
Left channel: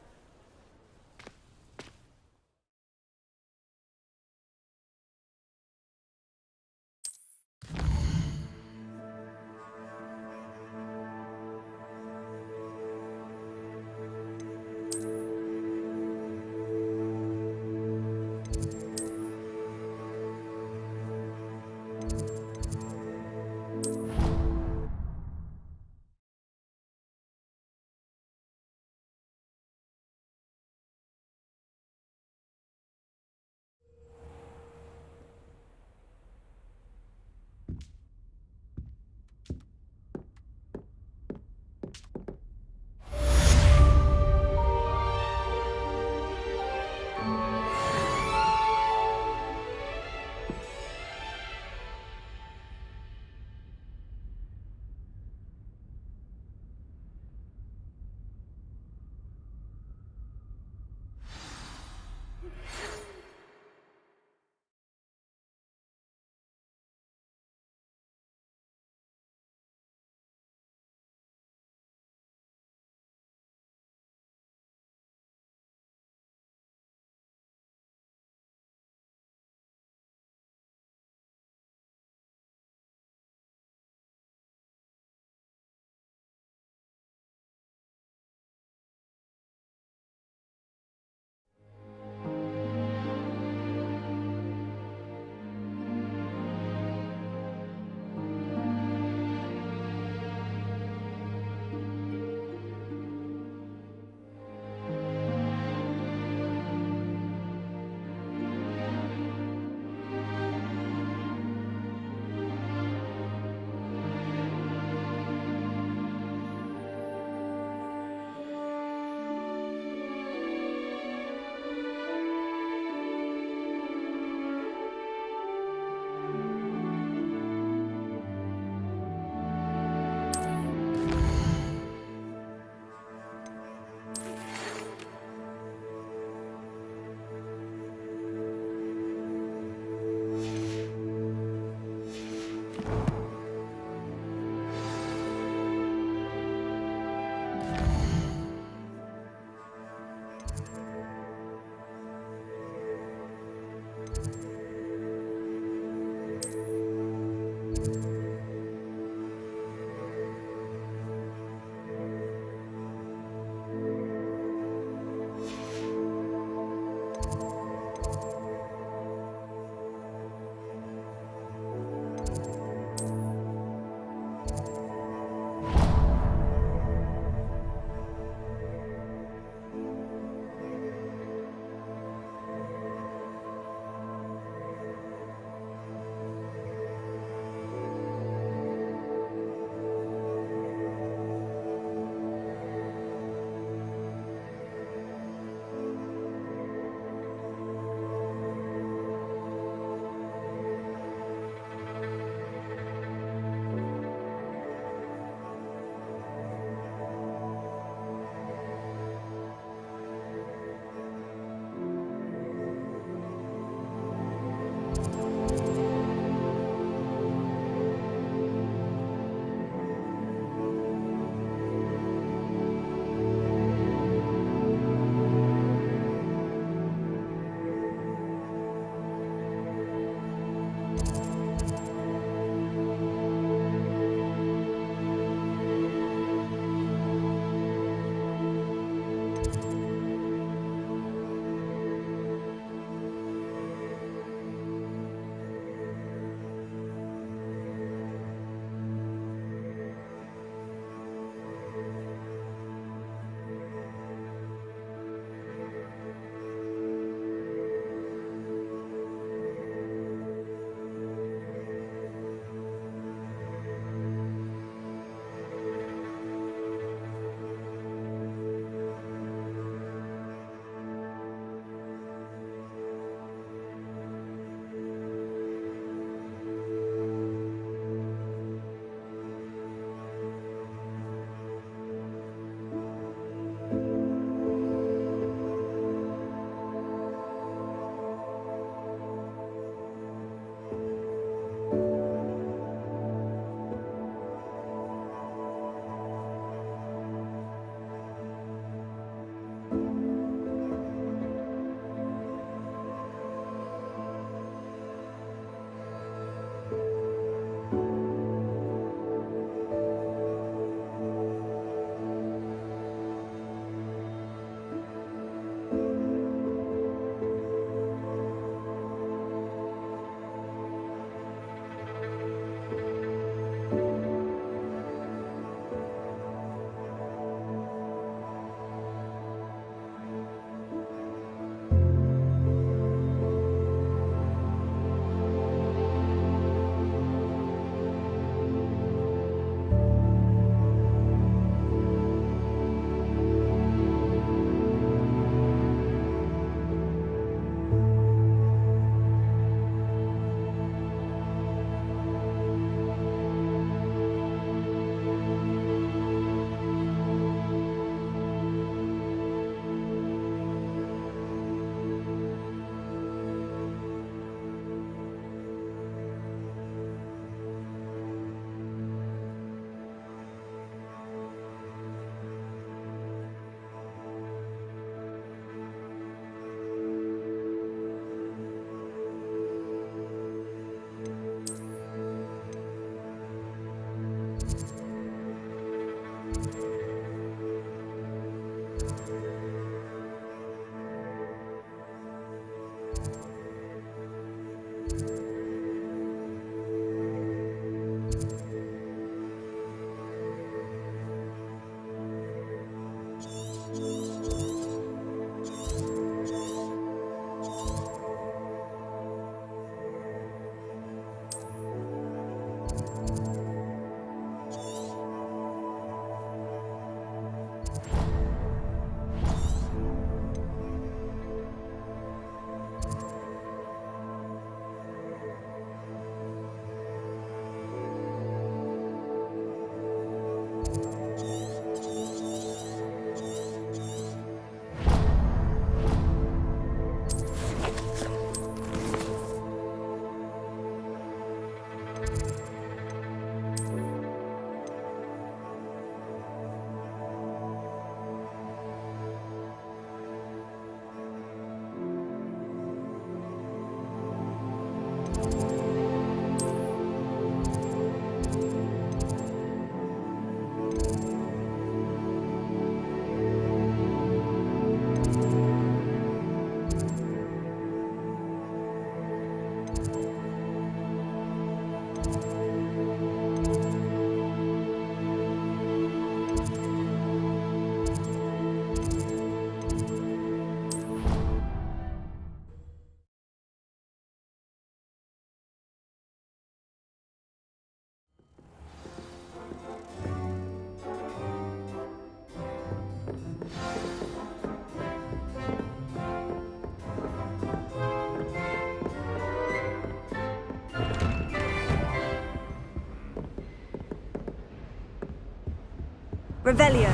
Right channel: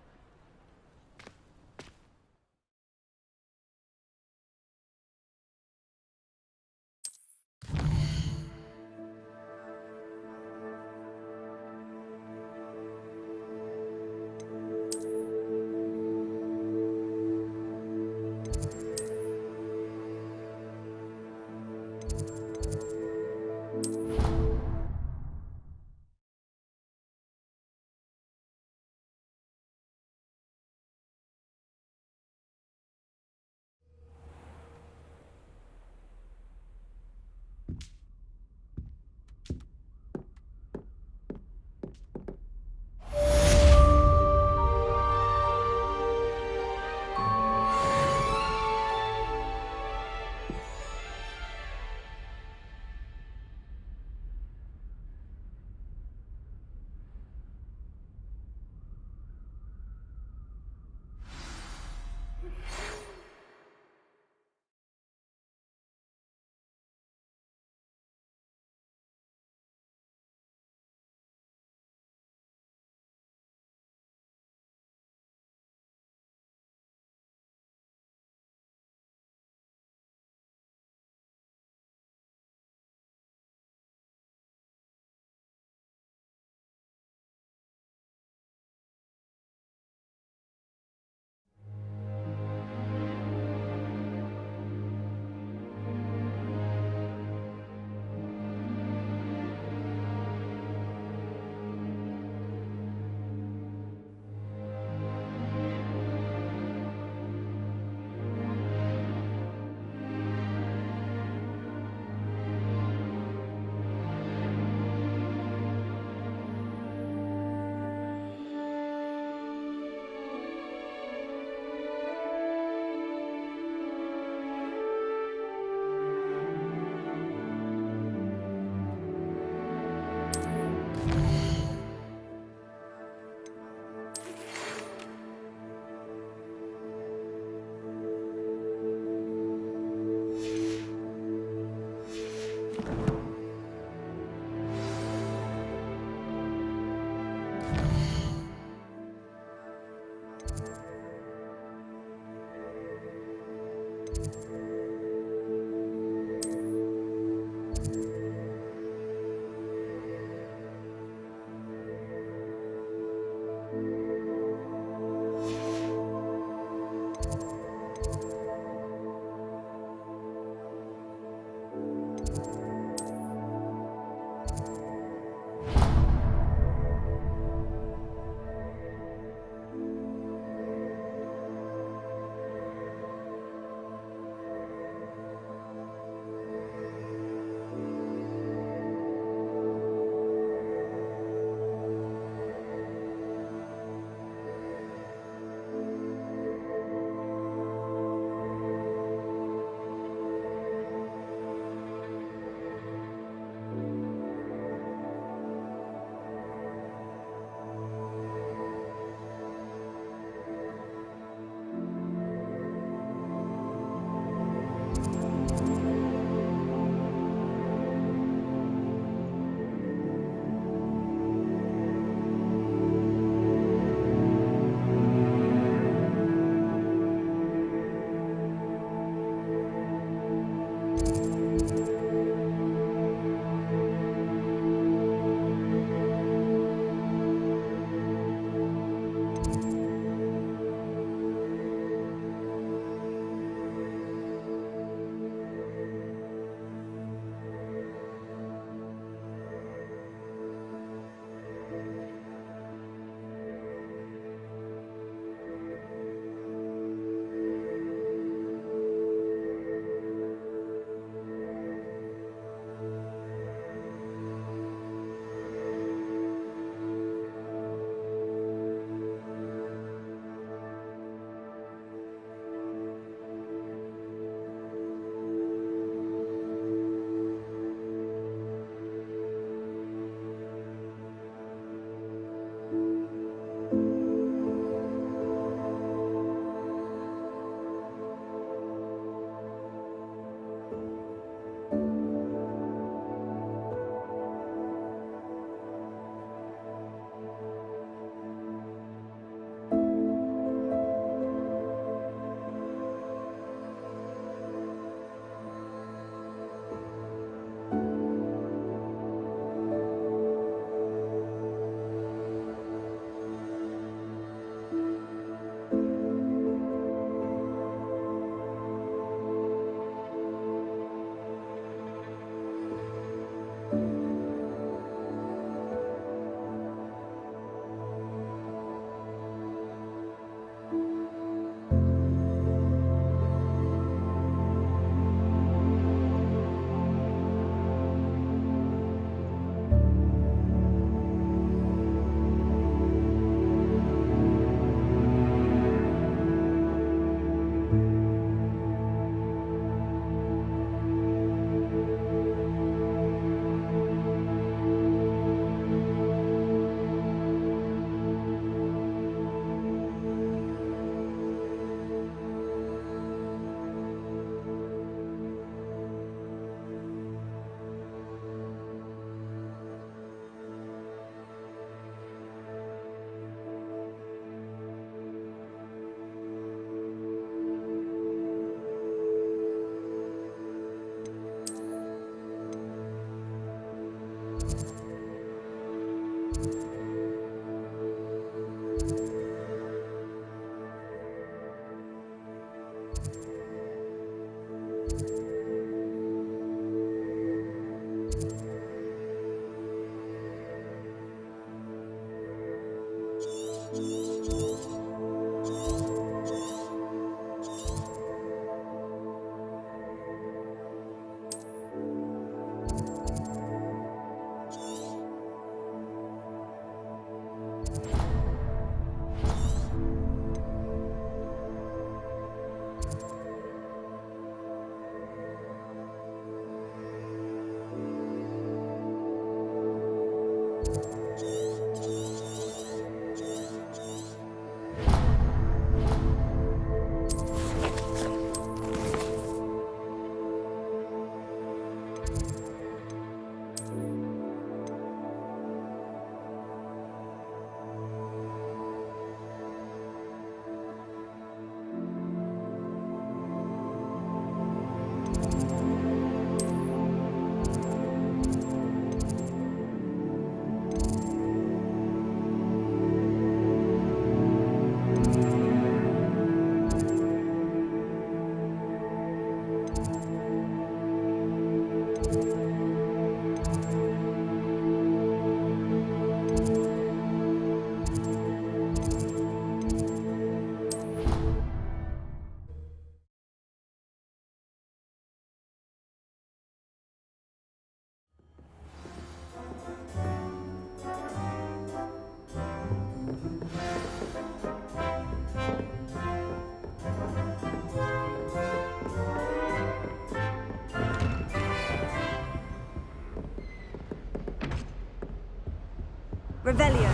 Revelio.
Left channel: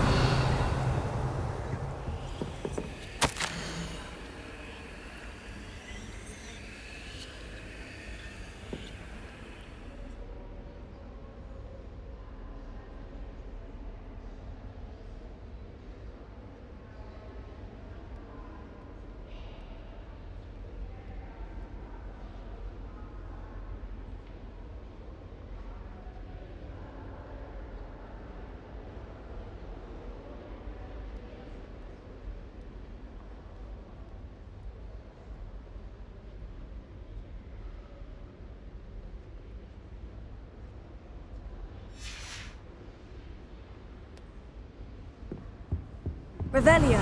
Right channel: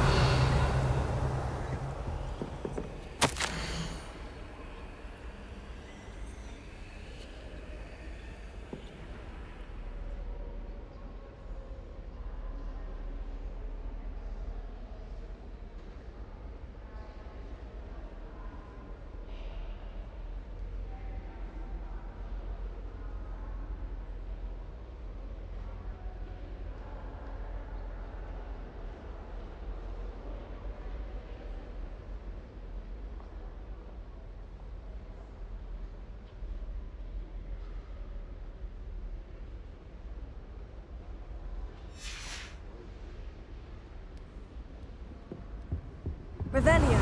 Revelio.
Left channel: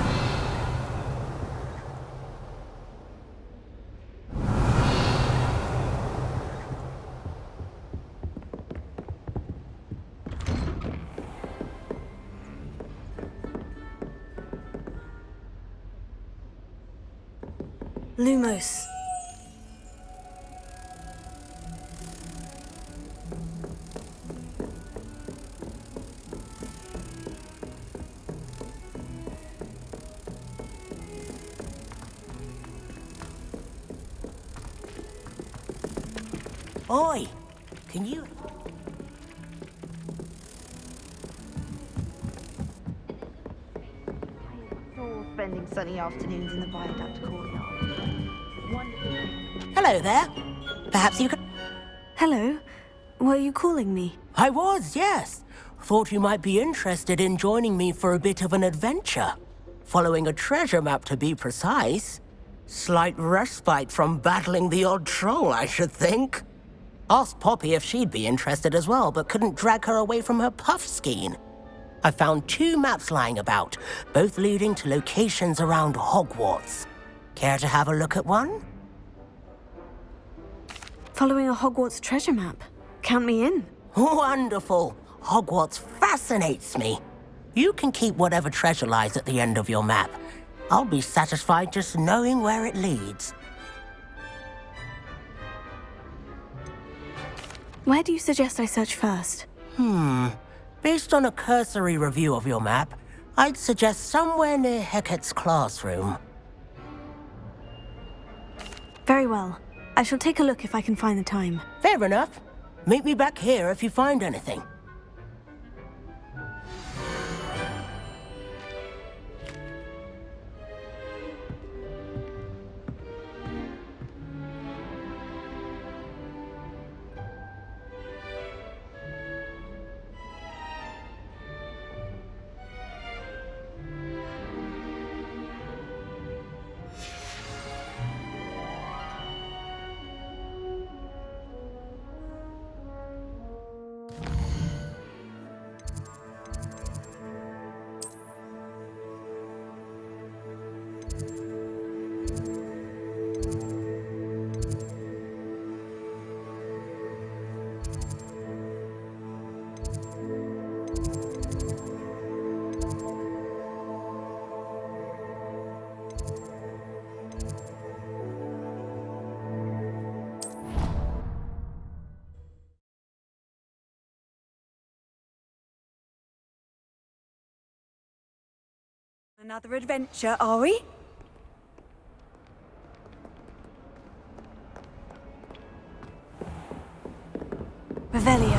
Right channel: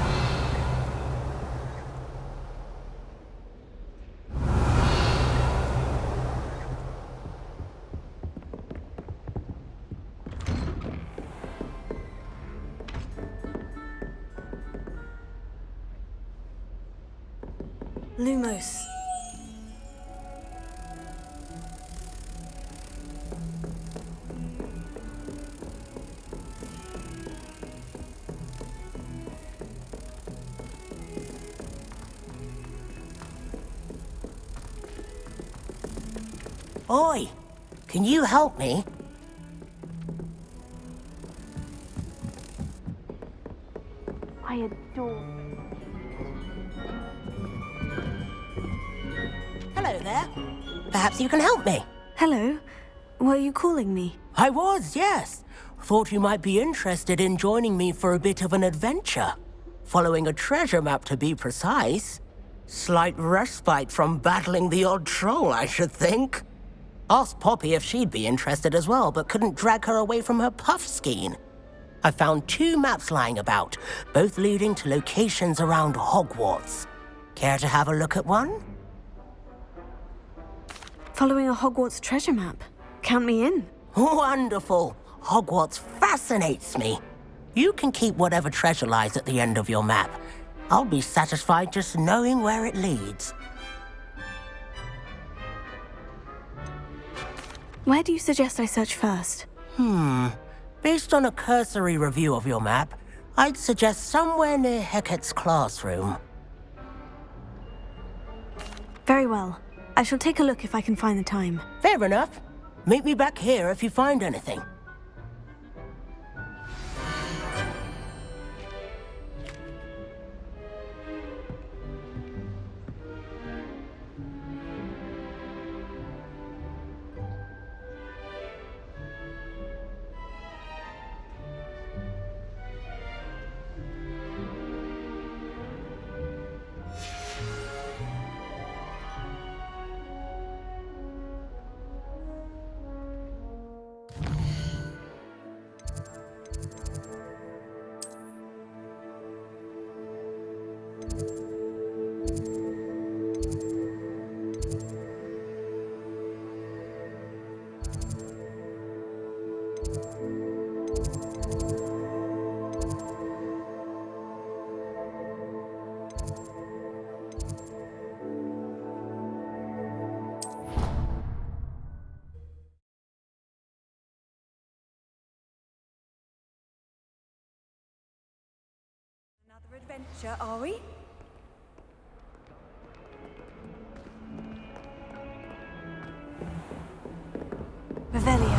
Lumos. Oi, can you help me? I adore spending sunny afternoons in the viaduct courtyard. Hello there. Perhaps you can help me. Hello. Were you calling me? I was, yes. Thought you might be interested in joining me for a bit of an adventure. Following a treasure map, to be precise. Slight respite from battling the odd troll, I should think. Asked Poppy if she'd be interested as well, but couldn't drag her away from her puff skein. I found 2 maps lying about, both leading to locations around Hogwarts. Care to have a look at one? Following a Hogwarts treasure map. Count me in. Wonderful. Hogwarts fascinates me. You can keep whatever treasure lies at the end of your map. I'll be satisfied just knowing where it leads. Where do you suggest I search first? Based on a cursory review of your map, I'd suggest somewhere near Hecat's classroom. Very well. I shall take a look if I can find the time. Fair enough. Meet me back here if you find anything. Another adventure, are we? Revelio.